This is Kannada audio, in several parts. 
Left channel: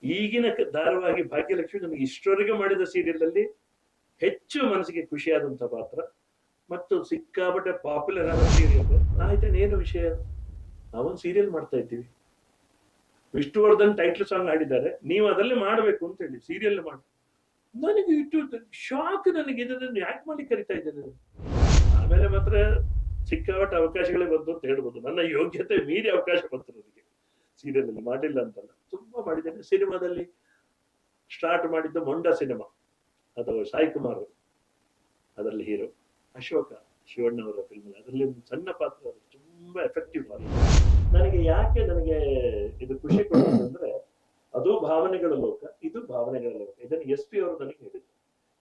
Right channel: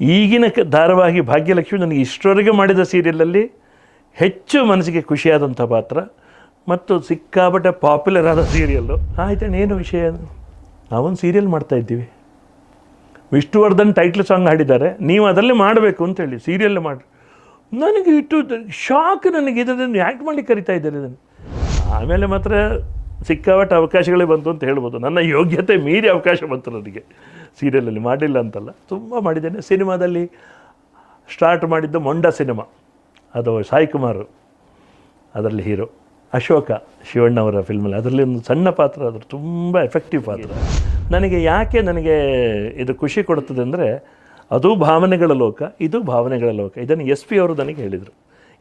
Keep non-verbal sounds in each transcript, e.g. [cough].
ಈಗಿನ ಧಾರಾವಾಹಿ ಭಾಗ್ಯಲಕ್ಷ್ಮಿ ನನಗೆ ಇಷ್ಟರವರೆಗೆ ಮಾಡಿದ ಸೀರಿಯಲಲ್ಲಿ ಹೆಚ್ಚು ಮನಸ್ಸಿಗೆ ಖುಷಿಯಾದಂಥ ಪಾತ್ರ ಮತ್ತು ಸಿಕ್ಕಾಪಟ್ಟೆ ಪಾಪ್ಯುಲರ್ ಆದ ಸೀರಿಯಲ್ಲು. ಆಯ್ತಣ್ಣ ಏನು ವಿಷಯ? ನಾವೊಂದು ಸೀರಿಯಲ್ ಮಾಡ್ತಾ ಇದ್ದೀವಿ. ವಿಷ್ಣುವರ್ಧನ್ ಟೈಟ್ಲ್ ಸಾಂಗ್ ಹಾಡಿದ್ದಾರೆ. ನೀವು ಅದರಲ್ಲಿ ಮಾಡಬೇಕು ಅಂತೇಳಿ ಸೀರಿಯಲ್ ಮಾಡಿ ನನಗೆ ಇಟ್ಟು ಶಾಕ್ ನನಗೆ ಇದನ್ನು ಯಾಕೆ ಮಾಡಿ ಕರಿತಾ ಇದ್ದಾರೆ ಇದನ್ನು. ಆಮೇಲೆ ಮಾತ್ರ ಸಿಕ್ಕಾಪಟ್ಟೆ ಅವಕಾಶಗಳೇ ಬಂತು ಅಂತ ಹೇಳ್ಬೋದು. ನನ್ನ ಯೋಗ್ಯತೆ ಮೀರಿ ಅವಕಾಶ ಬಂತು ನನಗೆ. ಸೀರಿಯಲಲ್ಲಿ ಮಾಡಿಲ್ಲ ಅಂತಲ್ಲ, ತುಂಬ ಮಾಡಿದ್ದೇನೆ. ಸಿನಿಮಾದಲ್ಲಿ ಸ್ಟಾರ್ಟ್ ಮಾಡಿದ್ದು ಮೊಂಡ ಸಿನಿಮಾ, ಅದು ಸಾಯಿ ಕುಮಾರ್ ಅದರಲ್ಲಿ ಹೀರೋ. ಅಶೋಕ ಶಿವಣ್ಣವರ ಫಿಲ್ಮಲ್ಲಿ, ಅದರಲ್ಲಿ ಒಂದು ಸಣ್ಣ ಪಾತ್ರ, ಅದ್ರ ತುಂಬ ಎಫೆಕ್ಟಿವ್ ಪಾತ್ರ. ನನಗೆ ಯಾಕೆ ನನಗೆ ಇದು ಖುಷಿ ಕೊಡುತ್ತದೆ ಅಂದರೆ, ಅದು ಭಾವನೆಗಳ ಲೋಕ, ಇದು ಭಾವನೆಗಳ ಲೋಕ. ಇದನ್ನು ಎಸ್ ಪಿ ಅವರು ನನಗೆ ಹೇಳಿದರು.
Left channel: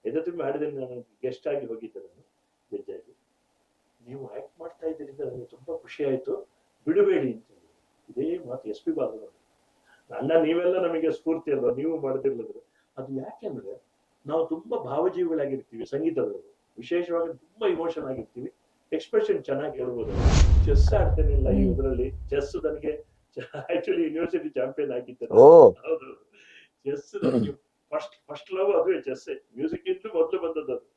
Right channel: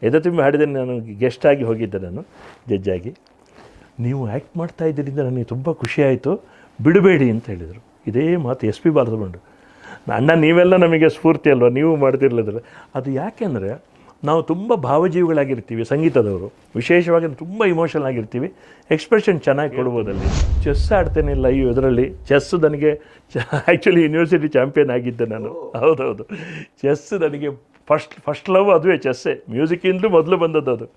ಎದೆ ತುಂಬಿ ಹಾಡಿದ್ದೇನೆ, ನಾನು ಗೆಸ್ಟ್ ಆಗಿ ಹೋಗಿದ್ದೆ ನಾನು ಜಡ್ಜಾಗಿ ನೀವು ಆ್ಯಕ್ಟ್ ಮಾಡ್ತಾ ಇದ್ದರಿಂದ ನನಗೆ ತುಂಬ ಖುಷಿಯಾಯಿತು ಬಿಡಬೇಡಿ ಅಂತ ಹೇಳಿದರು. ಇದೇ ಮಾತು ಎಸ್ ಪಿ ಬಾರದುಕೊಂಡು ಅಣ್ಣ ನೀವೆಲ್ಲ ನಮಗೆ ಸ್ಫೂರ್ತಿ ಅಲ್ವಾ? ನೀವು ಮಾಡ್ತಿರ್ಲಿದ್ರೆ ಅದು ಯಾಕೆಂದರೆ ನಾವು ತುಂಬ ಭಾವಜೀವಿಗಳಾಗಿರ್ತೀವಿ ಸಂಗೀತದವರು. ವಿಶೇಷವಾಗಿ ತುಂಬ ಇಮೋಷನ್ ಆಗಿರ್ತೀವಿ. ಎಕ್ಸ್ಪ್ರೆಷನ್ ಚೆನ್ನಾಗಿ ಕೊಡ್ಬೋದಲ್ಲ. ಚೆಸ್ ಆಡ್ತೇನಿಲ್ಲ ಈ ಇದರಲ್ಲಿ. ಚೆಸ್ ನನಗೆ ಆ್ಯಕ್ಚುಲಿ ಯೂನಿವರ್ಸಿಟಿ ಚಾಂಪಿಯನ್ ಆಗಿದ್ದೆ ನಾನು. ಹೌದೌದು. ಚೆಸ್ ನನಗೆ ಫಸ್ಟ್ ಫಸ್ಟ್ ಲವ್ ಅದುವೇ ಚೆಸ್ಸೇ ಮ್ಯೂಸಿಕ್ಕಿಂದಲೂ ಮೊದಲು ಬಂದದ್ದು ಅದು.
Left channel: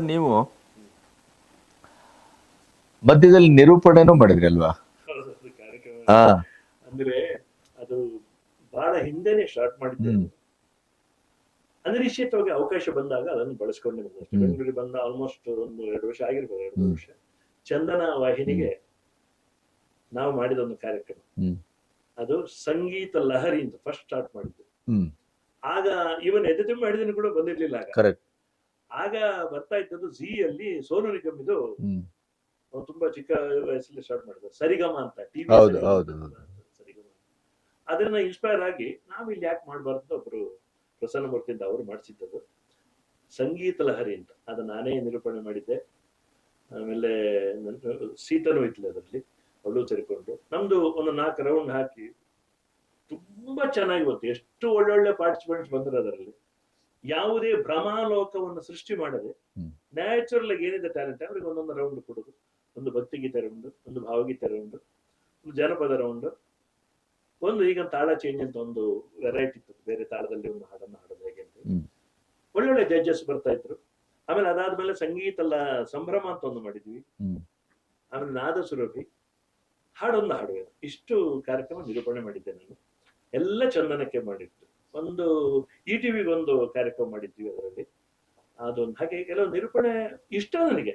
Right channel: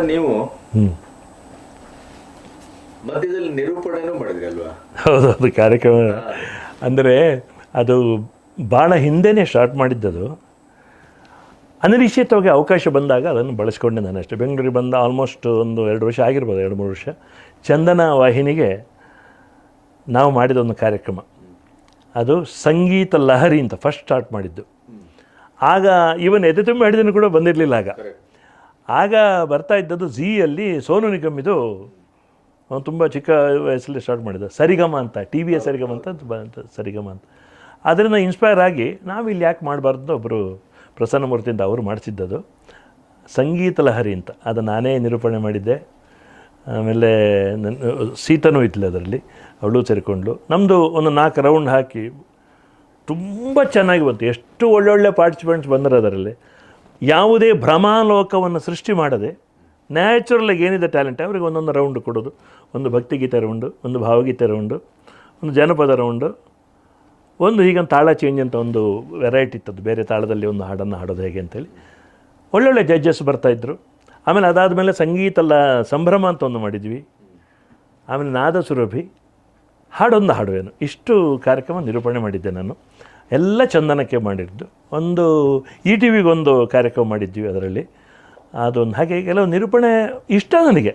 ಸರ್ ನೀವು ಹ್ಞೂ ಮಧ್ಯದಲ್ಲಿ ನಿರೂಪಣೆನೂ ಮಾಡಿದ್ರಿ ಅಲ್ವಾ? ಹೌದೌದು ಕಾರ್ಯಕ್ರಮ. ಅಂದರೆ ಅದು ಭಾಳ ಹಿಂದೆನೇ ಸ್ಟಾರ್ಟ್ ಮಾಡಿದ್ದದು. ಅನಿರೀಕ್ಷಿತವಾಗಿ ಅವಕಾಶ ಬಂದಾಗ ಅದನ್ನು ಬಳಸ್ಕೊಂಡೆ ನಾನು ಅಷ್ಟೇ. ಬೆಂಗಳೂರಿಗೆ ಬಂದ ಆಲ್ಮೋಸ್ಟ್ ಒಂದು ಎರಡು ವರ್ಷ ಆಗಿರ್ಬೋದು ಎರಡು ಮೂರು ವರ್ಷ. ಚಂದನ ವಾಹಿನಿಗೆ ನಾವು ಮಾಡಿದ ಒಂದು ಕಾರ್ಯಕ್ರಮ. ಅದು ಸಂಗೀತ ಲಹರಿ ಅಂತ ಫಸ್ಟ್ ಸ್ಟಾರ್ಟ್ ಮಾಡಿದ್ದು. ಆಗ ಇವನ್ ಎದೆ ತುಂಬ ಹಿಡಿದನು ಕೂಡ ಬಂದಿರಲಿಲ್ಲ ಆಗ. ಕರೆಕ್ಟ್ ಆಗ ಬರ್ತಾ ಇದ್ದದ್ದು ಝೀಯಲ್ಲಿ ಸೋನು ನಿಗಮ್ ಇದು ಅವನು ತುಂಬ ಚಿಕ್ಕ ವಯಸ್ಸಲ್ಲಿ ಸ್ಟಾರ್ಟ್ ಮಾಡಿದ. ಸರಿಗಮ ಅಂತ ಟಿ ವಿಯ ಸರಿಗಮ ಅಂತ ಬಂತ ಸರಿಗಮ ಅಂತ. ಅದರಿಂದ ಇನ್ಸ್ಪೈರ್ ಆಗಿ ನಾವು ಇಲ್ಲಿ ಯಾಕೆ ಮಾಡಬಾರ್ದು ಒಬ್ಬರು ಪ್ರಸನ್ನಮೂರ್ತಿಯಿಂದ ಅವರು ಮಾಡಿಸಿದ್ದದು. ಸಂಗೀತ ಲಹರಿ ಅಂತ ಅದು ನಾನೇ ನಿರೂಪಣೆ ಮಾಡಿದ್ದೆ. ಆಮೇಲೆ ನನ್ನ ಸೀತನೂ ಇದ್ಲು ಅದರಲ್ಲಿ ಅವಳು ಸೇರಿಕೊಂಡ್ಳು ನಮ್ಮದು ಒಂದು ನಾಲ್ಕು ರೌಂಡ್ ಹಾಕಿ ತುಂಬ ಚೆನ್ನಾಗಿ ಬಂತು. ಎಷ್ಟು ಒಳ್ಳೊಳ್ಳೆ ಪಾರ್ಟಿಸಿಪೆಂಟ್ಸ್ ಬಂದರು ಅದರಲ್ಲಿ. ಯಾವುದೇ ಭ್ರಮಾಲೋಕವನ್ನು ಸೃಷ್ಟಿ ಮಾಡದೆ ನ್ಯಾಚುರಲಾಗಿ ಏನಿದೆ ಟ್ಯಾಲೆಂಟ್ ಅವರಿಗೆ ಒಂದೊಂದು ರೌಂಡ್ ಕೊಡೋದು. ಒಂದು ಭಕ್ತಿಗೀತೆ ರೌಂಡು ಒಂದು ಭಾವಗೀತೆ ರೌಂಡು ಒಂದು ಜನಪದ ರೌಂಡು ಒಂದು ಹೀಗೊಂದು ತಾಳ ಚೇಂಜ್ ಅಂತ ಒಂದು ವೆರೈಟಿ ಇತ್ತದ್ದು ಬೇರೆ ತಾಳದಲ್ಲಿ ಒಂದು ಹಾಡನ್ನು ಹಾಡೋದು ಹೇಗೆ ಅಂತೇಳಿ. ಒಳ್ಳೊಳ್ಳೆ ಜಡ್ಜಸ್ ಬರ್ತಾಯಿದ್ರು ಆಮೇಲೆ ಅದಾದಮೇಲೆ ಸಂಗೀತ ಎಲ್ಲ ಸಂಭ್ರಮ ಅಂತ ಒಂದು ಮಾಡಿದ್ವಿ. ಆಮೇಲೆ ನಾದ ಸುರಭಿ ಹಾಡೊಂದು ಹಾಡುವೇನು. ಇಷ್ಟು ಕಾರ್ಯಕ್ರಮ ನಿರೂಪಣೆ ಮಾಡಿದ್ದೆ ನಾನು. ಎಲ್ಲ ಚಂದನಕ್ಕೆ ಮಾಡಿದ್ದು. ಒಂದು ಇ ಟಿ ವಿಗೊಂದು ಕಾರ್ಯಕ್ರಮ ಮಾಡಿದ್ವಿ ಅದರಲ್ಲಿ. ಅದೊಂದು ಹಾಗೆ ಕೆಲವು ನಿರೂಪಣೆ ಇಷ್ಟ ನನಗೆ.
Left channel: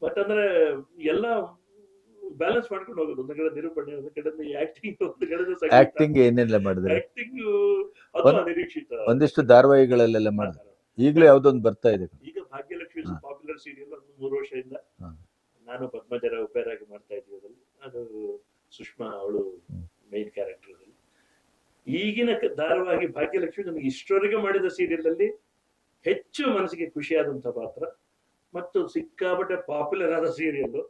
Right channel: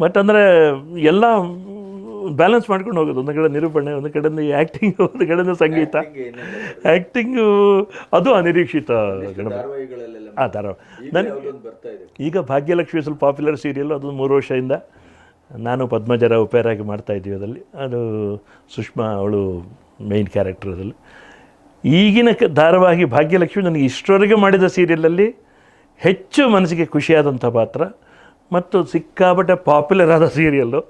ಬಟ್ ಅಂದರೆ ಎಲ್ಲ ಬ್ಯಾಲೆನ್ಸ್ ಮಾಡ್ಕೊಂಡು ಹೋಗೋದು. ಒಂದು ಕಡೆ ನಿರೂಪಣೆ ಒಂದು ಕಡೆಯಿಂದ ಆ್ಯಕ್ಟಿಂಗ್ ಒಂದು ಕಡೆಯಿಂದ ಸಂಗೀತ. ಆ್ಯಕ್ಟಿಂಗು ಅದು ಅನಿರೀಕ್ಷಿತ ಒಂದಿಷ್ಟು ಧಾರಾವಾಹಿಗಳಲ್ಲೆಲ್ಲ ಆ ಧಾರಾವಾಹಿ. ಯಾವುದೊಂದು ಬರ್ತಾ ಇದೆ? ಈಗ ಭಾಗ್ಯಲಕ್ಷ್ಮಿ ಸ್ವಲ್ಪ ಪಾಪ್ಯುಲರ್ ಸೀರಿಯಲ್ ಅದು ಮೂರು ವರ್ಷದಿಂದ. ನಾನು ಪದ್ಮಜರ ಉಪೇರಾಗಿ ಮಾಡ್ತಾ ಇದ್ದೀವಿ ಅದರಲ್ಲಿ. ಅದು ಸುಷ್ಮಾ ಅವಳು ಮೇಯ್ನ್ ಕ್ಯಾರೆಕ್ಟರ್ ಅದರಲ್ಲಿ. ಈಗಿನ ಕ- ಧಾರಾವಾಹಿ ಭಾಗ್ಯಲಕ್ಷ್ಮಿ ನನಗೆ ಇಷ್ಟರವರೆಗೆ ಮಾಡಿದ ಸೀರಿಯಲಲ್ಲಿ ಹೆಚ್ಚು ಮನಸ್ಸಿಗೆ ಖುಷಿಯಾದಂಥ ಪಾತ್ರ ಮತ್ತು ಸಿಕ್ಕಾಪಟ್ಟೆ ಪಾಪ್ಯುಲರ್ ಆದ ಸೀರಿಯಲ್ಲು.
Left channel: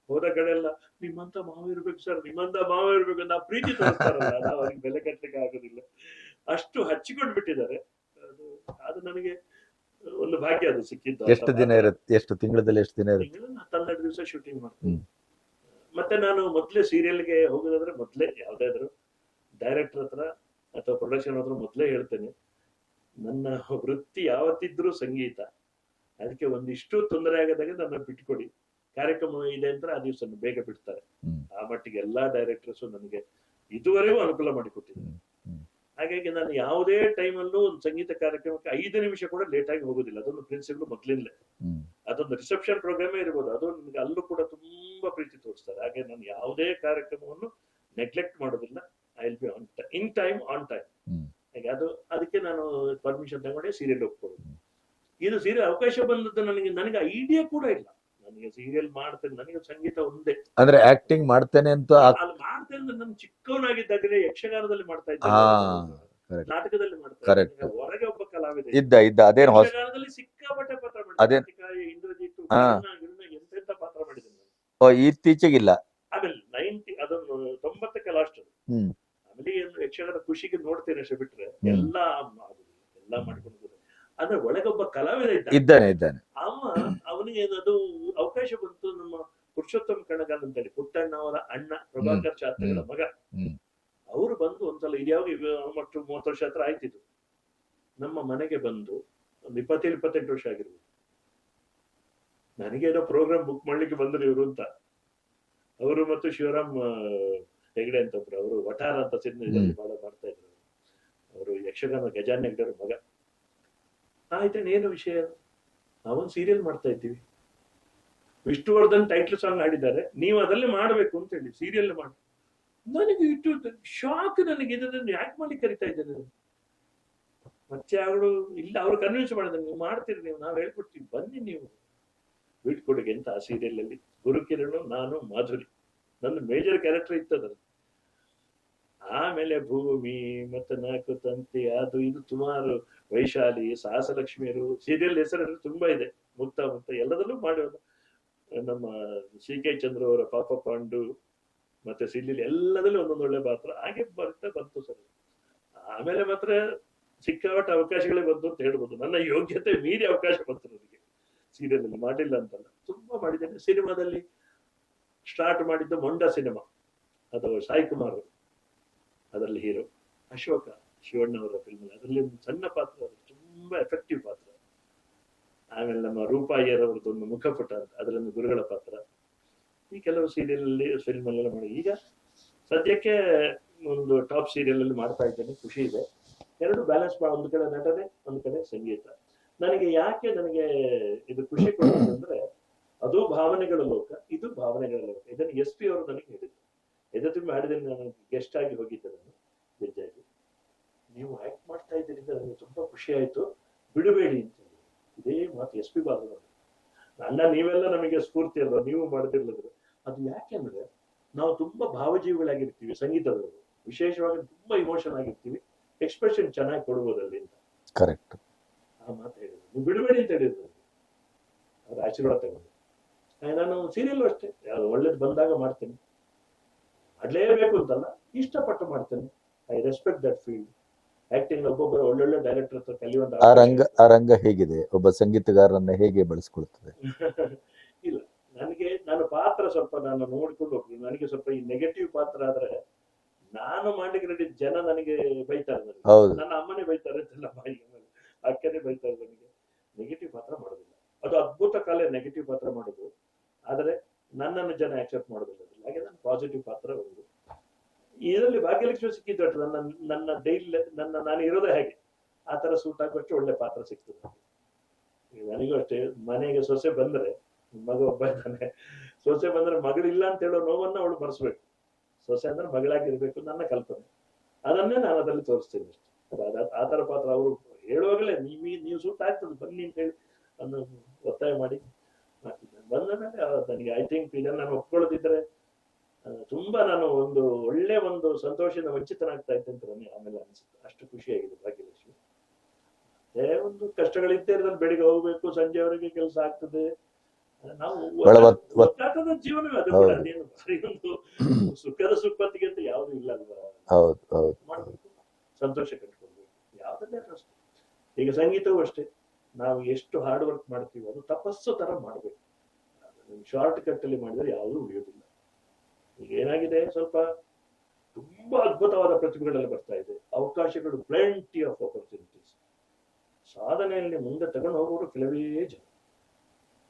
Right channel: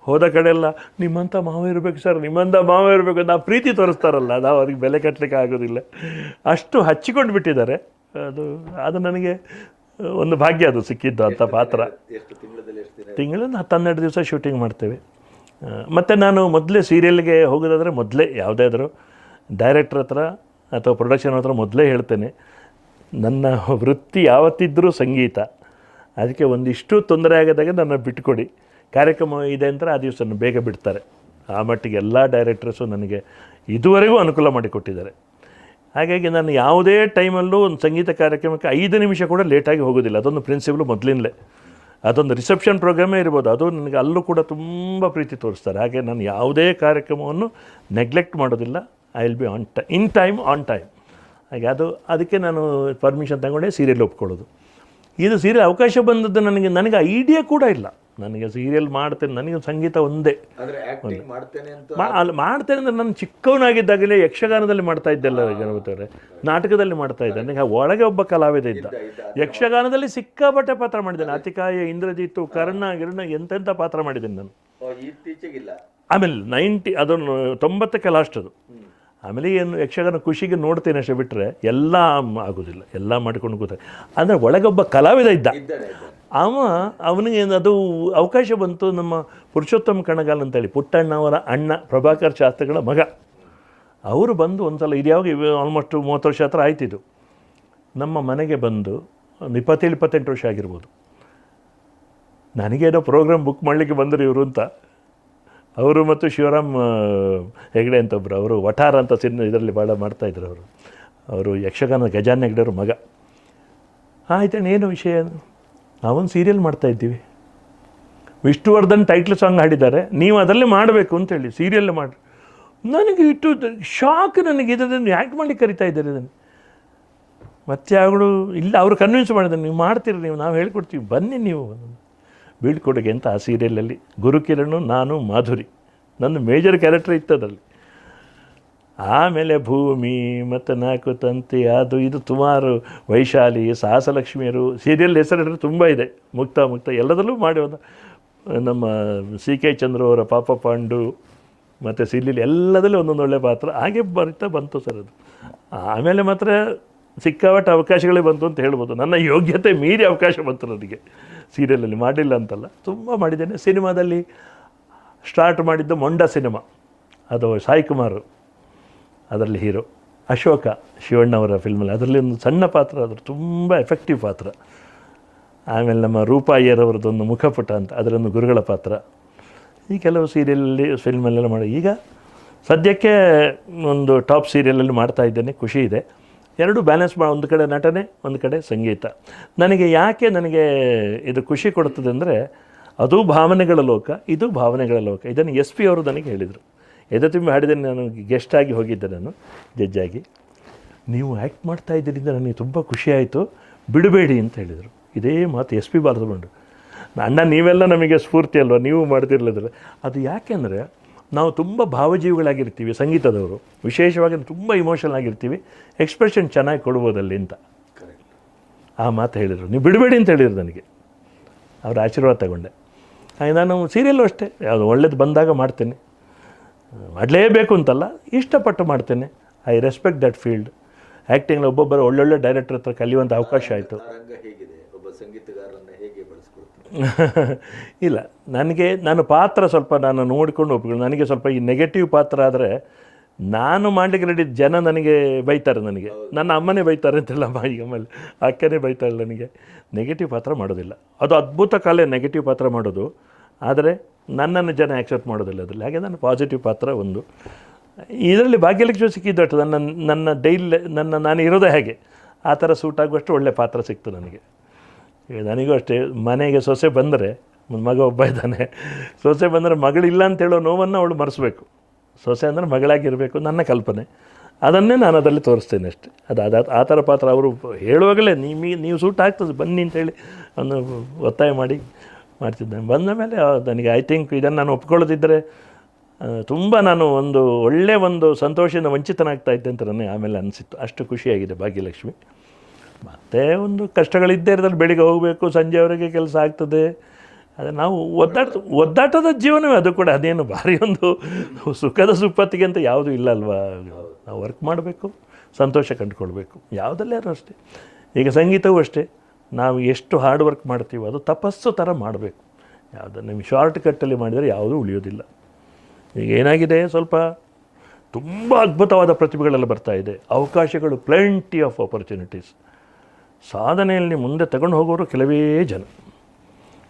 ಹೋದ ಕಡೆ ಎಲ್ಲ ನಿಮ್ಮಂಥ ಮಾವ ಇರಬೇಕು ಸರ್ ನಿಮ್ಮಂಥ ಮಾವ ಇರಬೇಕು ನಾವು ಪ್ರೀತಿ ತೋರಿಸ್ತಾರಲ್ಲ ನಾವು ಅದಕ್ಕೆ ಬೆಲೆ ಕಟ್ಟಲಿಕ್ಕೆ ಆಗೋದಿಲ್ಲ. ಅಷ್ಟು ಹಚ್ಚಿಕೊಂಡು ಬಿಟ್ಟಿದ್ದಾರೆ. ಅದು ಅದು ನನಗೆ ಒಂದು ಭಾಗ್ಯ ಅದು ಸಿಕ್ಕಿದ್ದು ಅಂತ ಪಾತ್ರ. ಎಷ್ಟು ತಿಂಗಳಲ್ಲಿ ಎಷ್ಟು ದಿನ ತಿಂಗಳು ತಿಂಗಳಲ್ಲಿ ಹತ್ತು ಹನ್ನೆರಡು ದಿವಸ ಶೂಟಿಂಗ್ ಮಾಡ್ತೇವೆ. ಮತ್ತು ನಾನು ಮೊದಲೇ ಸೀರಿಯಲ್ಗೆ ಹೋಗೋದಾದರೆ ಮೊದಲೇ ಯಾವುದೇ ಆದರೂ ಡೈರೆಕ್ಟ್ರ್ ಹತ್ರ ಅಥವಾ ಪ್ರೊಡಕ್ಷನ್ ಹತ್ರ ಮೊದಲೇ ಹೇಳ್ತೇನೆ, ನನ್ನ ವೃತ್ತಿ ಯಾವತ್ತಿದ್ದರೂ ಸಂಗೀತ. ಅದಕ್ಕೆ ಒಂದಿಷ್ಟು ತೊಂದರೆ ಆಗದಾಗ ನನ್ನ ಬಿಟ್ಕೊಡಿ. ಕಾರ್ಯಕ್ರಮ ಇದೆ ಅಂತ ಆ ದಿವಸ ಬೇಗ ಬಿಡ್ತಾರೆ. ಆ ಮಟ್ಟಿಗೆ ಎಲ್ಲ ಡೈರೆಕ್ಟರ್ಸು ನನಗೆ ಇದುವರೆಗೂ ಅನುಕೂಲ ಮಾಡಿಕೊಟ್ಟಿದ್ದಾರೆ. ಹಾಗಾಗಿ ನಾನು ಯಾವುದೇ ಟೈಮಲ್ಲೂ ಒಂದು ಸಂಗೀತ ಕಾರ್ಯಕ್ರಮಕ್ಕೆ ಐದು ನಿಮಿಷ ಕೂಡ ಲೇಟಾಗಿ ಹೋಗೋದಿಲ್ಲ. ಅದೊಂದು ಪ್ರಿನ್ಸಿಪಲ್ ಮೊದಲಿನಲ್ಲೇ ಅದೊಂದು ರಿಸೆಪ್ಷನ್ ಪ್ರೋಗ್ರಾಮೇ ಇರ್ಬೋದು. ಅದು ನನಗೆ ಅಲ್ಲೂ ಕೂಡ ತುಂಬ ಪ್ರೀತಿ ತೋರಿಸ್ತಾರೆ. ಹಾಗೆ ನಾನು ಯಾವುದೇ ಕಾರ್ಯಕ್ರಮವನ್ನು ನೆಗ್ಲೆಕ್ಟ್ ಮಾಡೋದಿಲ್ಲ. ಐ ವಿಲ್ ಬಿ ಆನ್ ಟ ಇನ್ ಟೈಮ್ ಆನ್ ಟೈಮ್ ಹಾಗೆ ಅದು ಅದಕ್ಕೆ ನಾನು ಪರ್ಮಿಷನ್ ತಗೊಂಡೆ ಸೀರಿಯಲ್ ಒಪ್ಕೊಳ್ಳೋದು. ಇದು ಸೀರಿಯಲ್ ಅವಕಾಶ ಬಂದದ್ದು ನನಗೆ ನನಗೆ ಐಡಿಯಾ ಕೂಡ ಇಲ್ಲ. ನನಗೆ ಸೀರಿಯಲ್ ಮಾಡ್ತೇನೆ ನನಗೆ ಸಂಗೀತ ಒಂದೇ. ಅಂದ್ರೆ ಆಕ್ಟಿಂಗ್ ಮಾಡ್ತೇನೆ ಅಂತ ಅಲ್ಲಿ ಮಾಡ್ತೇನೆ ಅಂದ್ರೆ ನಾನು ಚಿಕ್ಕವನಾಗಿದ್ದಾಗಲೇ ಯಕ್ಷಗಾನದಲ್ಲಿ ಮಾಡ್ತಾ ಇದ್ದೆಲ್ಲ ಜನಾರ್ದವ್ರೆ. ನಾಟಕದಲ್ಲಿ ಮಾಡ್ತಾ ಇದ್ದೆ. ನನಗೆ ಒಳಗೆ ಒಬ್ಬ ಕಲಾವಿದ ಇದ್ದ. ಇದ್ದ ಇದ್ದ ಯಕ್ಷಗಾನದಲ್ಲಿ ಸಿಕ್ಕಾಪಟ್ಟೆ ಪಾತ್ರ ಮಾಡಿದ್ದೆ. ಅತಿಕಾಯ ಇಂದ್ರಜಿತ್ತು ಕರ್ಣ ಗಿರ್ಣ ಎಂತೆಂಥ ಪಾತ್ರ ಮಾಡಿದ್ದೀನಿ ನಾನು. ಇತ್ತೀಚೆಗಿಲ್ಲ. ಆಮೇಲೆ ನೈಂಟಿ ಅದನ್ನು ತೊಂಬತ್ತಕ್ಕೆ ಲಾಸ್ಟ್ ಅದು. ಆಮೇಲೆ ಏನು ಯಕ್ಷಗಾನ ಖುಷಿಗೆ ನೋಡ್ತೇನೆ ಅಷ್ಟೇ ಬಿಟ್ಟರೆ ಎಲ್ಲ ಆಗೋದಿಲ್ಲ ಎಲ್ಲ ಮಾಡಿಕೊಂಡು ಕೂತಾರೆ. ಅಂದರೆ ಒಳಗೊಬ್ಬ ಕಲಾವಿದ ಇದ್ದ. ಇದ್ದಾನೆ ಇದ್ದಾನೆ. ಅವ ಅವನಿಗೆ ಅದು ಅವಕಾಶ ಬಂತು ನಮ್ಮ ಪುರುಷೋತ್ತಮ ಕಣಗಾಲ್ ಅಂತೇಳಿ ಪುಟ್ಟಣ್ಣವರ ಅಣ್ಣ ಪ್ರಭಾಕರ್ ಶಾಸ್ತ್ರಿಗಳ ಮಗ. ಅವರು ಬಂದು ಒಂದ್ಸಲ ಇದು ಯಾವಾಗ ಆಲ್ಮೋಸ್ಟ್ ಮೂವತ್ತು ವರ್ಷ ಹತ್ರ ಆಯ್ತಿದ್ದು ನಮ್ಮ ಮನೆಗೆ ಬಂದು ಒಂದು ಇಪ್ಪತ್ತೇಳು ಇಪ್ಪತ್ತೆಂಟು ವರ್ಷ ಆಗಿರ್ಬೋದು. ನನಗೇನೋ ಪ್ರೋಗ್ರಾಮ್ ಬುಕ್ ಮಾಡಲಿಕ್ಕೆ ಬಂದರು ಇವರು ಅಂತ. ಅವರು ಮತ್ತು ಶಿವರಾಮ್ ಹೆಗ್ಡೆ ಅಂತ ಒಬ್ಬರು ಅವರು ವಠಾರ ಅಂತ ಸಿನ್ ಇದರಲ್ಲಿ ಭಾಳ ಮಾಡ್ತಾಯಿದ್ರು ಅವರು. ಅವರು ಯಕ್ಷಗಾನ, ಗಜಾನ್ ಹೆಗ್ಡೆಯವ್ರ ಮಗ. ಆಯ್ತಣ್ಣ ಏನು ವಿಷಯ? ನಾವೊಂದು ಸೀರಿಯಲ್ ಮಾಡ್ತಾಯಿದ್ದೀವಿ ವಿಷ್ಣುವರ್ಧನ್ ಟೈಟ್ಲ್ ಸಾಂಗ್ ಹಾಡಿದ್ದಾರೆ. ನೀವು ಅದರಲ್ಲೇ ಮಾಡಬೇಕು ಅಂತೇಳಿ ಸೀರಿಯಲ್ ಮಾಡಿ ನನಗೆ ಇಟ್ಟು, ಶಾಕ್ ನನಗೆ ಇದನ್ನು ಯಾಕೆ ಮಾಡಿ ಕರಿತಾ ಇದ್ದಾರೆ ಇದನ್ನು. ಮತ್ತೆ ಅವಳು ಇಲ್ಲ, ಅವರು ಕನ್ವಿನ್ಸ್ ಮಾಡಿದ್ದಾರೆ. ನೀವು ಮಾಡ್ತೀರಿ, ನೀವು, ನಾವು ಹೇಳ್ಕೊಡ್ತೀವಿ. ಬನ್ನಿ ನೀವು. ಬೀಳ್ಕೊಡುಗೆ ಅಂತ ಆ ಸೀರಿಯಲಲ್ಲಿ ಗುರುಕಿರಣು, ನಾನು, ಮಾಧುರಿ. ನನ್ನ ಮೇಜರ್ ಕ್ಯಾರೆಕ್ಟರ್ ಅದರಲ್ಲಿ ಆಮೇಲೆ ಭೂಮಿ, ಮತ್ತು ನಾಲ್ಕು ತಂತಿ, ಅದು ಇದು ಸುಮಾರು ವೈಶಾಲಿ, ಸಾಹಸಲಕ್ಷ್ಮಿಯರು. ಸೀರಿಯಲ್ ಹೆಸರು ತುಂಬ ಇದೆ. ಮುಕ್ತ ಮುಕ್ತ. ಎಲ್ಲದರಲ್ಲೂ ಮಾಡಿ ಒಂದು, ನಮ್ಮ ಸಿ ಕೆ ಚಂದ್ರ ಅವರ ಪಾಪ ಪಾಂಡು, ಮತ್ತು ಸೀರಿಯಲ್ ಎಲ್ಲದಲ್ಲೂ ಒಂದೊಂದು ಒಳ್ಳೆ ಪಾತ್ರ. ಹಾಗೆ ಬರ್ತಾ ಬಂತು ಸರ್ ಅದು. ಆಮೇಲೆ ಮಾತ್ರ ಸಿಕ್ಕಾಪಟ್ಟೆ ಅವಕಾಶಗಳೇ ಬಂತು ಅಂತ ಹೇಳ್ಬೋದು. ನನ್ನ ಯೋಗ್ಯತೆ ಮೀರಿ ಅವಕಾಶ ಬಂತು ನನಗೆ. ಸೀರಿಯಲಲ್ಲಿ ಮಾಡಿಲ್ಲ ಅಂತಲ್ಲ. ತುಂಬ ಮಾಡಿದ್ದೇನೆ. ಸಿನಿಮಾದಲ್ಲಿ ಸ್ಟಾರ್ಟ್ ಮಾಡಿದ್ದು ಮೊಂಡ ಸಿನಿಮಾ. ಅದು ಸಾಯಿ ಕುಮಾರ್ ಅದರಲ್ಲಿ ಹೀರೋ. ಅಶೋಕ ಶಿವಣ್ಣವರ ಫಿಲ್ಮಲ್ಲಿ. ಅದರಲ್ಲಿ ಒಂದು ಸಣ್ಣ ಪಾತ್ರ, ಅದ್ರ ತುಂಬ ಎಫೆಕ್ಟಿವ್ ಪಾತ್ರ. ಆಮೇಲೆ ನಮ್ಮ ರೂಪಾಯಿಯರವರದೊಂದು ಮುಖಪುಟ ಅಂತ ಅದರೊಂದು ಗುರುಗಳ ಪಾತ್ರ. ಈ ಕೆಲವು ಸೀರಿಯಲಲ್ಲಿ, ಫಿಲ್ಮಲ್ಲೆಲ್ಲ ಮಾಡಿ. ಈಗ ಸದ್ಯಕ್ಕೆ ಒಂದು ಟಾಪ್ ಸೀರಿಯಲಲ್ಲಿ ಮಾಡ್ತಾ ಇದ್ದೇನೆ. ಖುಷಿ ಇದೆ. ಎರಡು ಬ್ಯಾಲೆನ್ಸ್ ಮಾ ಒಂದು ಕಡೆ ನಟನೆ, ಒಂದು ಕಡೆ ಸಂಗೀತ. ನನಗೆ ಯಾಕೆ ನನಗೆ ಇದು ಖುಷಿ ಕೊಡುತ್ತದೆ ಅಂದರೆ, ಅದು ಭಾವನೆಗಳ ಲೋಕ, ಇದು ಭಾವನೆಗಳ ಲೋಕ. ಇದನ್ನು ಎಸ್ ಪಿ ಅವರು ನನಗೆ ಹೇಳಿದರು. ಎದೆ ತುಂಬಿ ಹಾಡಿದ್ದೇನೆ ನಾನು ಗೆಸ್ಟ್ ಆಗಿ ಹೋಗಿದ್ದೆ ನಾನು ಜಡ್ಜಾಗಿ ನೀವು ಆ್ಯಕ್ಟ್ ಮಾಡ್ತಾ ಇದ್ದರಿಂದ ನನಗೆ ತುಂಬ ಖುಷಿಯಾಯಿತು ಬಿಡಬೇಡಿ ಅಂತ ಹೇಳಿದರು. ಇದೇ ಮಾತು ಎಸ್ ಪಿ ಬಾರದು ಅಣ್ಣ, ನೀವೆಲ್ಲ ನಮಗೆ ಸ್ಫೂರ್ತಿ ಅಲ್ವ? ನೀವು ಮಾಡ್ತಿರ್ಲಿದ್ರೆ. ಅದು ಯಾಕೆಂದರೆ ನಾವು ತುಂಬ ಭಾವಜೀವಿಗಳಾಗಿರ್ತೀವಿ ಸಂಗೀತದವರು. ವಿಶೇಷವಾಗಿ ತುಂಬ ಇಮೋಷನಲ್ ಆಗಿರ್ತೀವಿ. ಎಕ್ಸ್ಪ್ರೆಷನ್ ಚೆನ್ನಾಗಿ ಕೊಡ್ಬೋದಲ್ಲಿ ಅಂತ. ಕರೆಕ್ಟ್ ಆ ಮಾತು ಹೇಳಿದರು. ನೀವು ಬಿಡಬೇಡಿ ಅಂತ ಹೇಳಿದ್ರು ನನಗೆ. ಅವರ ಆಶೀರ್ವಾದ ತಗೊಂಡೆ. ಹಾಗೆ ನಾನು ಸೀರಿಯಲ್ಲು ಅಷ್ಟೇ. ಯಾವುದು ಒಳ್ಳೇದು ಬಂದಾಗ ಮಾಡ್ತೇನೆ. ಮಾಡಲೇಬೇಕು ಅಂತಲ್ಲ. ಇಷ್ಟಪಟ್ಟು ಮಾಡ್ತೇನೆ. I respect that field acting ಒಬ್ಬೊಬ್ಬರು ಒಳ್ಳೊಳ್ಳೆ ಡೈರೆಕ್ಟರ್ ಹತ್ರ ಕಲಿಯುವಂಥ ಅವಕಾಶ ಆಯಿತು. ಆ ರಂಗ ಹೇಗಿದೆ? ಒಬ್ಬ ಸಂಗೀತಗಾರರನ್ನ ಹೇಗೆ ಬಳಸ್ಕೊಳ್ತದೆ? [laughs] ಇಲ್ಲ ನನಗೆ ನಾನು ಪಾತ್ರ ಸ್ವಲ್ಪ ನಾನು ನೋಡಿಕೊಂಡು ಒಪ್ಕೊಂಡು ನನಗೆ ಸ್ವಲ್ಪ ಈ ನೆಗೆಟಿವ್ ಪಾತ್ರ ಆದರೆ ನಾನು ಮಾಡ್ಲಿಕ್ಕೆ ರೆಡಿ ಜನ ನನಗೆ ಬೈತಾರೆ ನನಗೆ. ನನ್ನ ಅಮ್ಮನೇ ಬೈತಾರೆ ಅಂತೆಲ್ಲ ಈಗ ಆಮೇಲೆ ಅಕ್ಕನೇ ಬೈತಾಳೆ ನನಗೆ. ನೆಗೆಟಿವ್ ಪಾತ್ರ ಮಾಡೋದಿಲ್ಲ. ಅದು ಅದ್ಭುತ ಕಲೆ ನೆಗೆಟಿವ್ ಪಾತ್ರ ಮಾಡೋದು. ಆದರೆ ನನ್ನನ್ನು ಜನ ಆ್ಯಕ್ಸೆಪ್ಟ್ ಮಾಡೋದಿಲ್ಲ ಅದರಲ್ಲಿ. ಹಾಗೆ ನಾನು ಪಾಸಿಟಿವ್ ಪಾತ್ರ ಒಂದು. ಇದರಲ್ಲಿ ಭಾಗ್ಯಲಕ್ಷ್ಮಿ ಅಷ್ಟು. ನನ್ನ ನನ್ನ ಡೈಲಿ ನನ್ನ, ನಾನು ಇರೋದೇ ಹಾಗೆ. ಆ ಥರ ಸೂಟ್ ಆಗುವಷ್ಟು ಒಳ್ಳೆ ಪಾತ್ರ ಸಿಕ್ತು ನನಗೆ. ನನಗೂ ಅಷ್ಟೇ, ಮನೆಗೆ ಸೊಸೆ ಬಂದರೆ ಮಗ ಒಬ್ಬ ಇದ್ದಾನೆ, ಸೊಸೆ ಬಂದರೆ ಮಗಳಿಲ್ಲ ಅಂತ ಹೇಳೋ ನೋವನ್ನು ಅವಳು ಮರೆಸಬೇಕು. ಸೊಸೆ ಅಂದರೆ ಮಗಳಾಗಿರಬೇಕು, ನನ್ನ ಕಲ್ಪನೆ. ಅದನ್ನೇ ನಾನು ಅದರಲ್ಲಿ ತೋರಿಸ್ತೇನೆ ಅಷ್ಟೇ. ಅದು ಅದು, ಆ ಥರ ಪಾತ್ರ ಅವರು ಹೇಳುವಾಗಲೇ ನಿಮಗೆ ನೀವು ಸೂಟ್ ಆಗ್ತದೆ, ಬನ್ನಿ ಅಂತೇಳಿ ಒಂದು ಒತ್ತಾಯ ಮಾಡಿ ಮಾಡ್ತಿದ್ದೆ ಬಂದ ಮೇಲೆ ನನಗೆ ಐ ಥಿಂಕ್ ಇದನ್ನು ನಾನು ಒಪ್ಕೊಳ್ಳೋದಿದ್ದರೆ ತುಂಬ ನಾನು ಒಂದು ಒಳ್ಳೆ ಒಂದು ಸಂತೋಷದಿಂದ ವಂಚಿತನಾಗ್ತಾ ಇದ್ದೆ ಅಂತ ನನಗೆ ಆಮೇಲೆ ಅನಿಸಿತ್ತು. ಅಷ್ಟು ಖುಷಿಯಾಗಿದೆ ಭಾಗ್ಯಲಕ್ಷ್ಮಿ. ಮತ್ತೆ ಒಂದು ಕಷ್ಟಗಳಿದ್ದೇ ಇರೋದ್ರಲ್ಲಿ ಬೆಳಿಗ್ಗೆ ಹೋಗಬೇಕು ಸಂಜೆವರೆಗೆ ಕೆಲಸ ಆಗ್ತದೆ. ಅದು ನಾವು ಒದ್ದಾಟ ಒದ್ದಾಟದ ಜೀವನವೇ ಅದು ಕೂಡ. ಅದೇನು ಭಾರಿ ಒಂದು ಸುಖದ ಸುಪ್ಪತ್ತಿಗೆ ಅಂತ ಯಾವುದೂ ಇಲ್ಲ ಅಲ್ವಾ? ನಾವು ವರ್ಕ್ ಮಾಡಬೇಕು ಸಂತೋಷ ಕಂಡುಕೊಳ್ಬೇಕು. ಯಾವುದಲ್ಲಾದ್ರೂ ಅಷ್ಟೇ. ಈಗ ಸಂಗೀತವೂ ಅಷ್ಟೇ. ನಾವು ಎಷ್ಟು ಹಾರ್ಡ್ ವರ್ಕ್ ಮಾಡ್ತೀವೋ ಅದು ತಪಸ್ಸು ಥರ ಮಾಡಬೇಕು. ಯಾವುದನ್ನು ಶಾರ್ಟ್ ಕಟ್ಟಲ್ಲಿ ಮಾಡಿದರೆ ಯಾವುದೂ ಉಳಿಯೋದಿಲ್ಲ. ಈಗ ಏನಾಗಿದೆ? ಸ್ವಲ್ಪ ತುಂಬ ಅದ್ಭುತವಾದ ಪ್ರತಿಭೆಗಳೆಲ್ಲ ಬರ್ತಾ ಇದೆ. ಅವಕಾಶಗಳು ಪ್ಲೆಂಟಿ ಆಫ್ ಆಪರ್ಚುನಿಟೀಸ್ ಸಾಧನೆಯಲ್ಲಿ ಮುಂದೆ ತಗೊಂಡು ಹೋಗೋರು ಕೆಲವೇ ಜನ.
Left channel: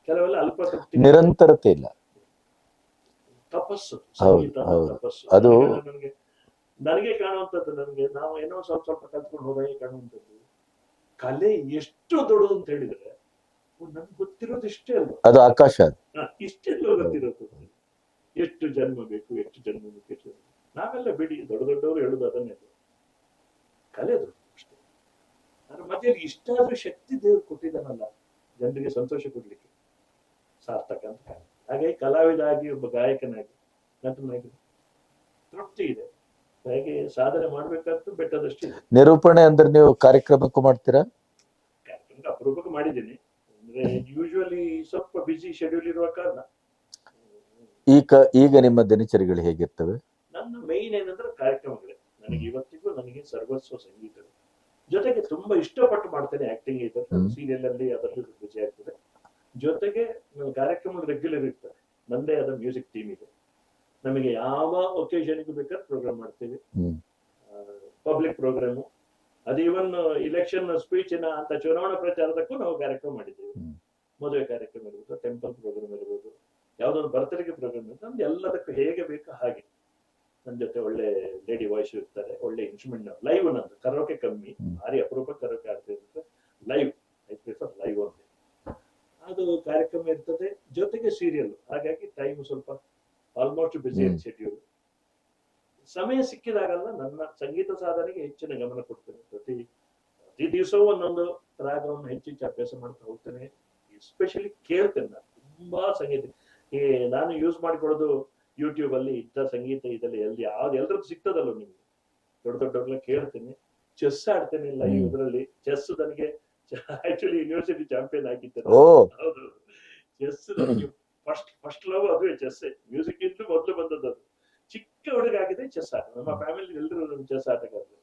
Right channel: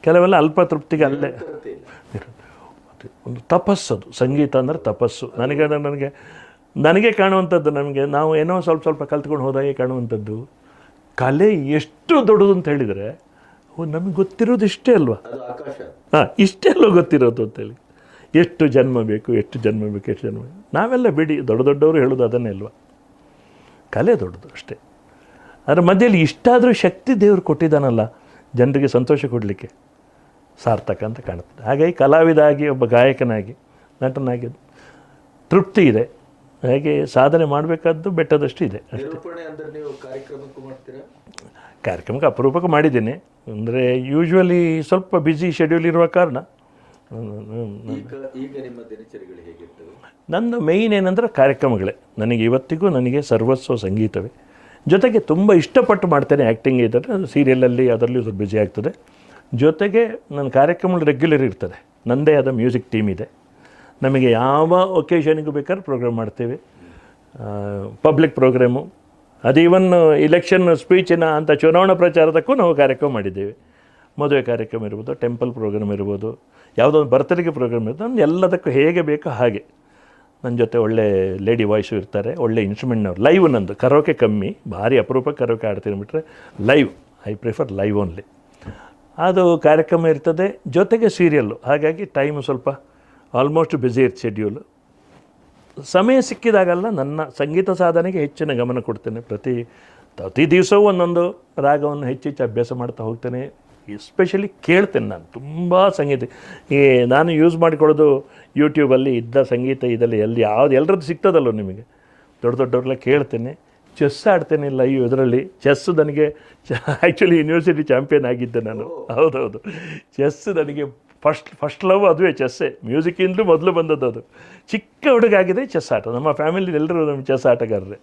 ಕೆಲವೆಲ್ಲ ಅಲ್ಪ ತೃಪ್ತಿಗೆ ನಿರಂತರತೆ ಇಲ್ಲ. ಒಂದು ತಪಸ್ಸದು ಸಂಗೀತ ಅಂದರೆ ತಪಸ್ಸು. ನನಗೆ ನನಗೆ ನನಗೆ ಕಾಣುವಂಥದ್ದು ನಮಗೆ ನಾವು ಏನೋ ಸ್ವಲ್ಪ ಸ್ವಲ್ಪ ಕಲ್ತ್ಕೊಂಡು ಹೋದಾಗೆ ಕಾಣುವಂಥದ್ದು. ಕಲೆ ಎಷ್ಟು ದೊಡ್ಡದು ಅಂತ ಹೇಳಿದರೆ ನಮಗೆ ಗೊತ್ತಿರೋದು ಇಷ್ಟೇ ಅಲ್ವಾ? ಅದು ಆಕಾಶ ಹಾಂ ಇಷ್ಟೇ ಅಲ್ವಾ ಗೊತ್ತಿರೋದು ಅಂತೇಳಿ. ಎಷ್ಟು ಜನ್ಮ ಬೇಕು ಎಷ್ಟು ಜನ್ಮ ಬೇಕು ಎಷ್ಟು ಜನ್ಮ ಬೇಕು. ನಾವೆಲ್ಲ ಬಿಡಿ ದೊಡ್ಡ ದೊಡ್ಡವರು ಹೇಳೋದು ಅದನ್ನೇ ಅಲ್ವಾ? ಕಲೆ ದೊಡ್ಡದು ಅಷ್ಟೇ. ಅದರ ಮಧ್ಯದಲ್ಲಿ ಇಷ್ಟಾದರೂ ಶಕ್ತಿ ದೇವರು ಕೊಟ್ಟಿದ್ದಾನಲ್ಲ ಜನರಿಗೆ ಸಂತೋಷ ಕೊಡಲಿಕ್ಕೆ ಸಾರ್ಥಕ ಅಂತ ಕಾಣುತ್ತದೆ ಹಾಗಾಗಿ ಕಲಾವಿದ ಆಗಿ ಒಬ್ಬ ಗಾಯಕನಾಗಿ ನಟನಾಗಿ ತೃಪ್ತಿ ಇದೆ. ಹಾಗೆ ಸಾಧನೆ ಮಾಡಬೇಕಾದ್ದು ಬೆಟ್ಟದಷ್ಟು ಇದೆ. ನಿರೂಪಣೆ ಅಂದರೆ ನೀವು ಕಾರ್ಯಕ್ರಮಕ್ಕೂ ಮಾಡ್ತೀರಾ? ಕಾರ್ಯಕ್ರಮಕ್ಕೆ ಅಪರೂಪಕ್ಕೆ ಮಾಡಿದ್ದೀನಿ. ಅಂದರೆ ಯೂಶ್ವಲಿ ಸ್ವಲ್ಪ ಬ್ಯುಸಿ ಶೆಡ್ಯೂಲ್ ಇರುವ ಕಾರಣ ಈಗ ಈಗ ನಿಮ್ಮ ದಿನಚರಿಗಳು ಹೇಗಿರ್ತವೆ? ನನ್ನ ಮೇಯ್ನ್ ಏನಂದ್ರೆ ಕಾರ್ಯಕ್ರಮಗಳೇ. ನನಗೆ ಇವತ್ತಿಗೂ ನನಗೆ ಸರ್ವಸ್ವ ಸಂಗೀತವೇ. ಜೊತೆಗೆ ತುಂಬ ಇಷ್ಟಪಟ್ಟು ಮಾಡ್ತೇನೆ ಆ್ಯಕ್ಟಿಂಗ್ ಇದ್ದರೆ ಅದು ಸೀರಿಯಲಲ್ಲಿ ಅದರಲ್ಲಿ ಸ್ವಲ್ಪ ಬ್ಯುಸಿ ಆಗ್ತದೆ. ಜೊತೆಗೆ ನನ್ನ ಕಾರ್ಯಕ್ರಮಗಳು ರೆಗ್ಯುಲರ್ ಇರ್ತದೆ. ನನ್ನದೇ ಆದ ಮ್ಯೂಸಿಕ್ ಟೀಮ್ ಇದೆ. ನಮಗೆ ಯಾವ ಒಕೇಶನಿಗೂ ಬೇಕಾದ್ರೆ ಪ್ರೋಗ್ರಾಮ್ ಮಾಡ್ತೇವೆ. ಪಬ್ಲಿಕ್ ಪ್ರೋಗ್ರಾಮು ಅದು ಇವನ್ ಇಲೆಕ್ಷನ್ ಸ್ಪೀಚಿನ ಅಂಥ ಚುನಾವಣಾ ಪ್ರಚಾರದಕ್ಕೂ ನಾವು ಕಾರ್ಯಕ್ರಮ ಮಾಡಿದ್ದೇವೆ. ಮದುವೆ ಕಾರ್ಯಕ್ರಮ ಇರ್ಬೋದು ಟೆಂಪಲ್ ಪ್ರೋಗ್ರಾಮ್ ಇರ್ಬೋದು ಯಾವುದೋ ಒಂದು ಬರ್ತಡೆಗೆ ಪ್ರೋಗ್ರಾಮ್ ಇರ್ಬೋದು ನಾನು ಎಲ್ಲದಕ್ಕೂ ಹೇಗೆ ಬೇಕೋ ಹಾಗೆ. ನನ್ನ ಜೊತೆ ಒಳ್ಳೆ ಲೇಡಿ ವಾಯ್ಸು ಇರ್ತಾರೆ ಒಳ್ಳೆ ಇನ್ಸ್ಟ್ರೂಮೆಂಟ್ನವ್ರು ಲೈವ್ ನಂದು ಕರೋಕೆ ಕಮ್ಮಿ ಭಾರಿ ಅಪರೂಪ ಕರೋಕೆ ಆಡ್ತೀನಿ ಬಿಟ್ಟರೆ live I prefer live only ಅದು ಕಾರ್ಯಕ್ರಮ ಇರ್ತದೆ ಜೊತೆಗೆ ಸೀರಿಯಲ್ಲು ಹಾಗಾಗಿ ಟೈಮು ಸ್ವಲ್ಪ ಆಲ್ಮೋಸ್ಟ್ ಬ್ಯುಸಿ ಇರ್ ಶೆಡ್ಯೂಲು ಸಮಯ ಸಿಕ್ಕಿದಾಗಲ್ಲ ನನ್ನ ಸಂಗೀತ ಸಾಧನೆಗೆ ಹೆಚ್ಚಿನ ಗಮನ ಕೊಡ್ತೇನೆ. ಪ್ರತಿ ಪ್ರತಿ ದಿವಸವೂ ಒಂದೊಂದು ರಾಗವನ್ನು ಹೆಚ್ಚೆಚ್ಚು ಅಭ್ಯಾಸ ಮಾಡ್ತಾ ಹೋಗ್ತೇನೆ. ಎಸ್ಪೆಷಲಿ ಕೇಳ್ತೇನೆ ನಾನು. ತುಂಬ ಸಂಗೀತ. ಈ ನಾನು ಯೂಸ್ ಮಾಡಿಕೊಳ್ಳೋದು ಯೂಟ್ಯೂಬಲ್ಲಿ ಇದ್ದ ಸಂಗೀತ ಇದೆಲ್ಲ ಎಲ್ಲಿ ಯಾವ್ದು ಎಲ್ಲರದ್ದು ಸಿಗ್ತದಲ್ಲೋ ನಿಮಗೆ? ದೊಡ್ಡ ದೊಡ್ಡವ್ರಲ್ಲ ಕೇಳ್ತೇನೆ. ಚೆಸ್ ಆಡ್ತೇನೆ ಲೈವ್ ಇದರಲ್ಲಿ. ಚೆಸ್ ನನಗೆ ಆ್ಯಕ್ಚುಲಿ ಯೂನಿವರ್ಸಿಟಿ ಚಾಂಪಿಯನ್ ಆಗಿದ್ದೆ ನಾನು. ಹೌದೌದು. ಚೆಸ್ ನನಗೆ ಫಸ್ಟ್ ಫಸ್ಟ್ ಲವ್ ಅದುವೇ ಚೆಸ್ಸೇ ಮ್ಯೂಸಿಕ್ಕಿಂದಲೂ ಮೊದಲು ಬಂದದ್ದು ಅದು. ಚಿಕ್ಕ ಹುಡುಗಾಗಿದೆ ಚೆಸ್ ಆಟ. ನಮ್ಮ ಫ್ಯಾಮಿಲಿ ಎಲ್ಲರೂ ನಮ್ಮ ಚೆಸ್ ಆಟಗಾರರೇ.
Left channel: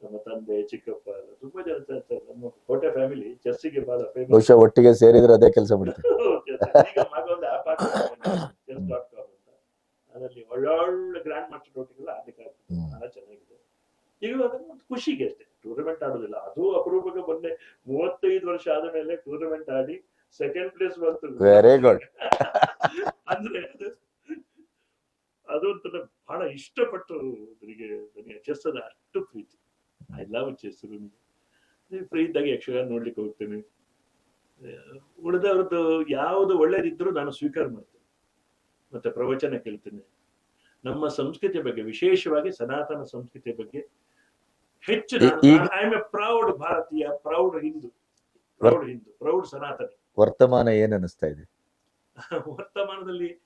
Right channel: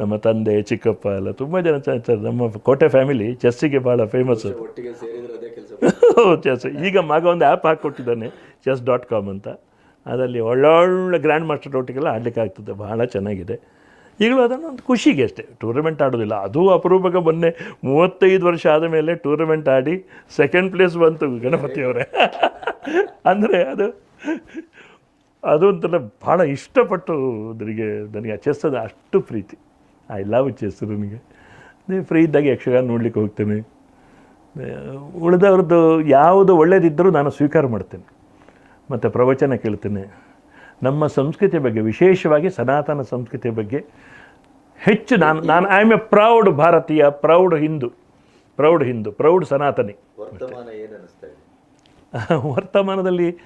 ನಮ್ಮ ತಂದೆ ಚಿಕ್ಕಪ್ಪ ಎಲ್ಲ ತುಂಬ ಜನ ಚ- ಚ- ನಮ್ಮ ಕೋಟೆ ಫ್ಯಾಮಿಲಿ ಚೆಸ್ಸಿಗೆ ಭಾಳ ಫೇಮಸ್ ಬಹುಶಃ ಒಟ್ಟಿಗೆ ಸೇರಿದ್ರೆ ಅದೇ ಕೆಲಸ ಚೆಸ್ ಈಗ ಮಗ ಒಂದು ಆ್ಯಪ್ ಹಾಕ್ಕೊಟ್ಟಿದ್ದಾನೆ ಚೆಸ್ ಡಾಟ್ ಕಾಮ್ ಅಂತ. ಅದರಲ್ಲಿ ಒಳ್ಳೊಳ್ಳೆ ಗ್ರ್ಯಾಂಡ್ ಮಾಸ್ಟರ್ ಒಟ್ಟಿಗೆಲ್ಲ ಆಡ್ಲಿಕ್ಕೆ ಆಗ್ತದೆ ಭಾಳ ಚೆನ್ನಾಗಿದೆ. ಈಗಲೂ ಅದನ್ನು ಒಂದು ಖುಷಿಗೆ ಅಷ್ಟೇ ಟೂರ್ನಮೆಂಟ್ ಆಡೋದಿಲ್ಲ. ಅದು ಅಪರೂಪಕ್ಕೆ ಮೊನ್ನೆ ಮೂವತ್ತೈದು ವರ್ಷ ಆದ ಮೇಲೆ ಟೂರ್ನಮೆಂಟ್ ಆಡಿ ಸೆಕೆಂಡ್ ಪ್ಲೇಸ್ ಬಂತು. ಅಂದರೆ ಅದು ಅದು ಒಂಥರ ಭಾಳ ಇಷ್ಟಪಟ್ಟು ನನಗೆ ನನಗೆ ಚೆಸ್ ಅದು ಅಷ್ಟು ಪ್ರೀತಿ. ಐ ಲವ್ ಚೆಸ್ ನನಗೆ. ಫ್ರೀ ಇದ್ದಾಗ ಯಕ್ಷಗಾನ ನೋಡ್ಲಿಕ್ಕೆ ಹೋಗ್ತೇನೆ. ಉಳಿದವ್ರದ್ದು ಯಾವುದು ಒಳ್ಳೇದಿದ್ದರೂ ನಾನು ಸ್ವೀಕಾರ ಮಾಡ್ತೇನೆ. ಮತ್ತು ಪ್ರವಚನ ಕೇಳ್ತೇನೆ. ನಮ್ಮ ಸಂಸ್ಕೃತಿ ಬಗ್ಗೆ ವಿಶೇಷವಾಗಿ ಸನಾತನ ಸಂಸ್ಕೃತಿಯ ಬಗ್ಗೆ ಹೆಚ್ಚು ನಾನು ನಾನು ಐ ಆಮ್ ಎ ಪ್ರೌಡ್ ಭಾರತೀಯ proud Hindu proud Hindu proud Sanatani. ವರ್ತಮಾನ ಏನು ಅನ್ನಿಸ್ತಾ ಇದೆ? [laughs] ವರ್ತಮಾನದಲ್ಲಿ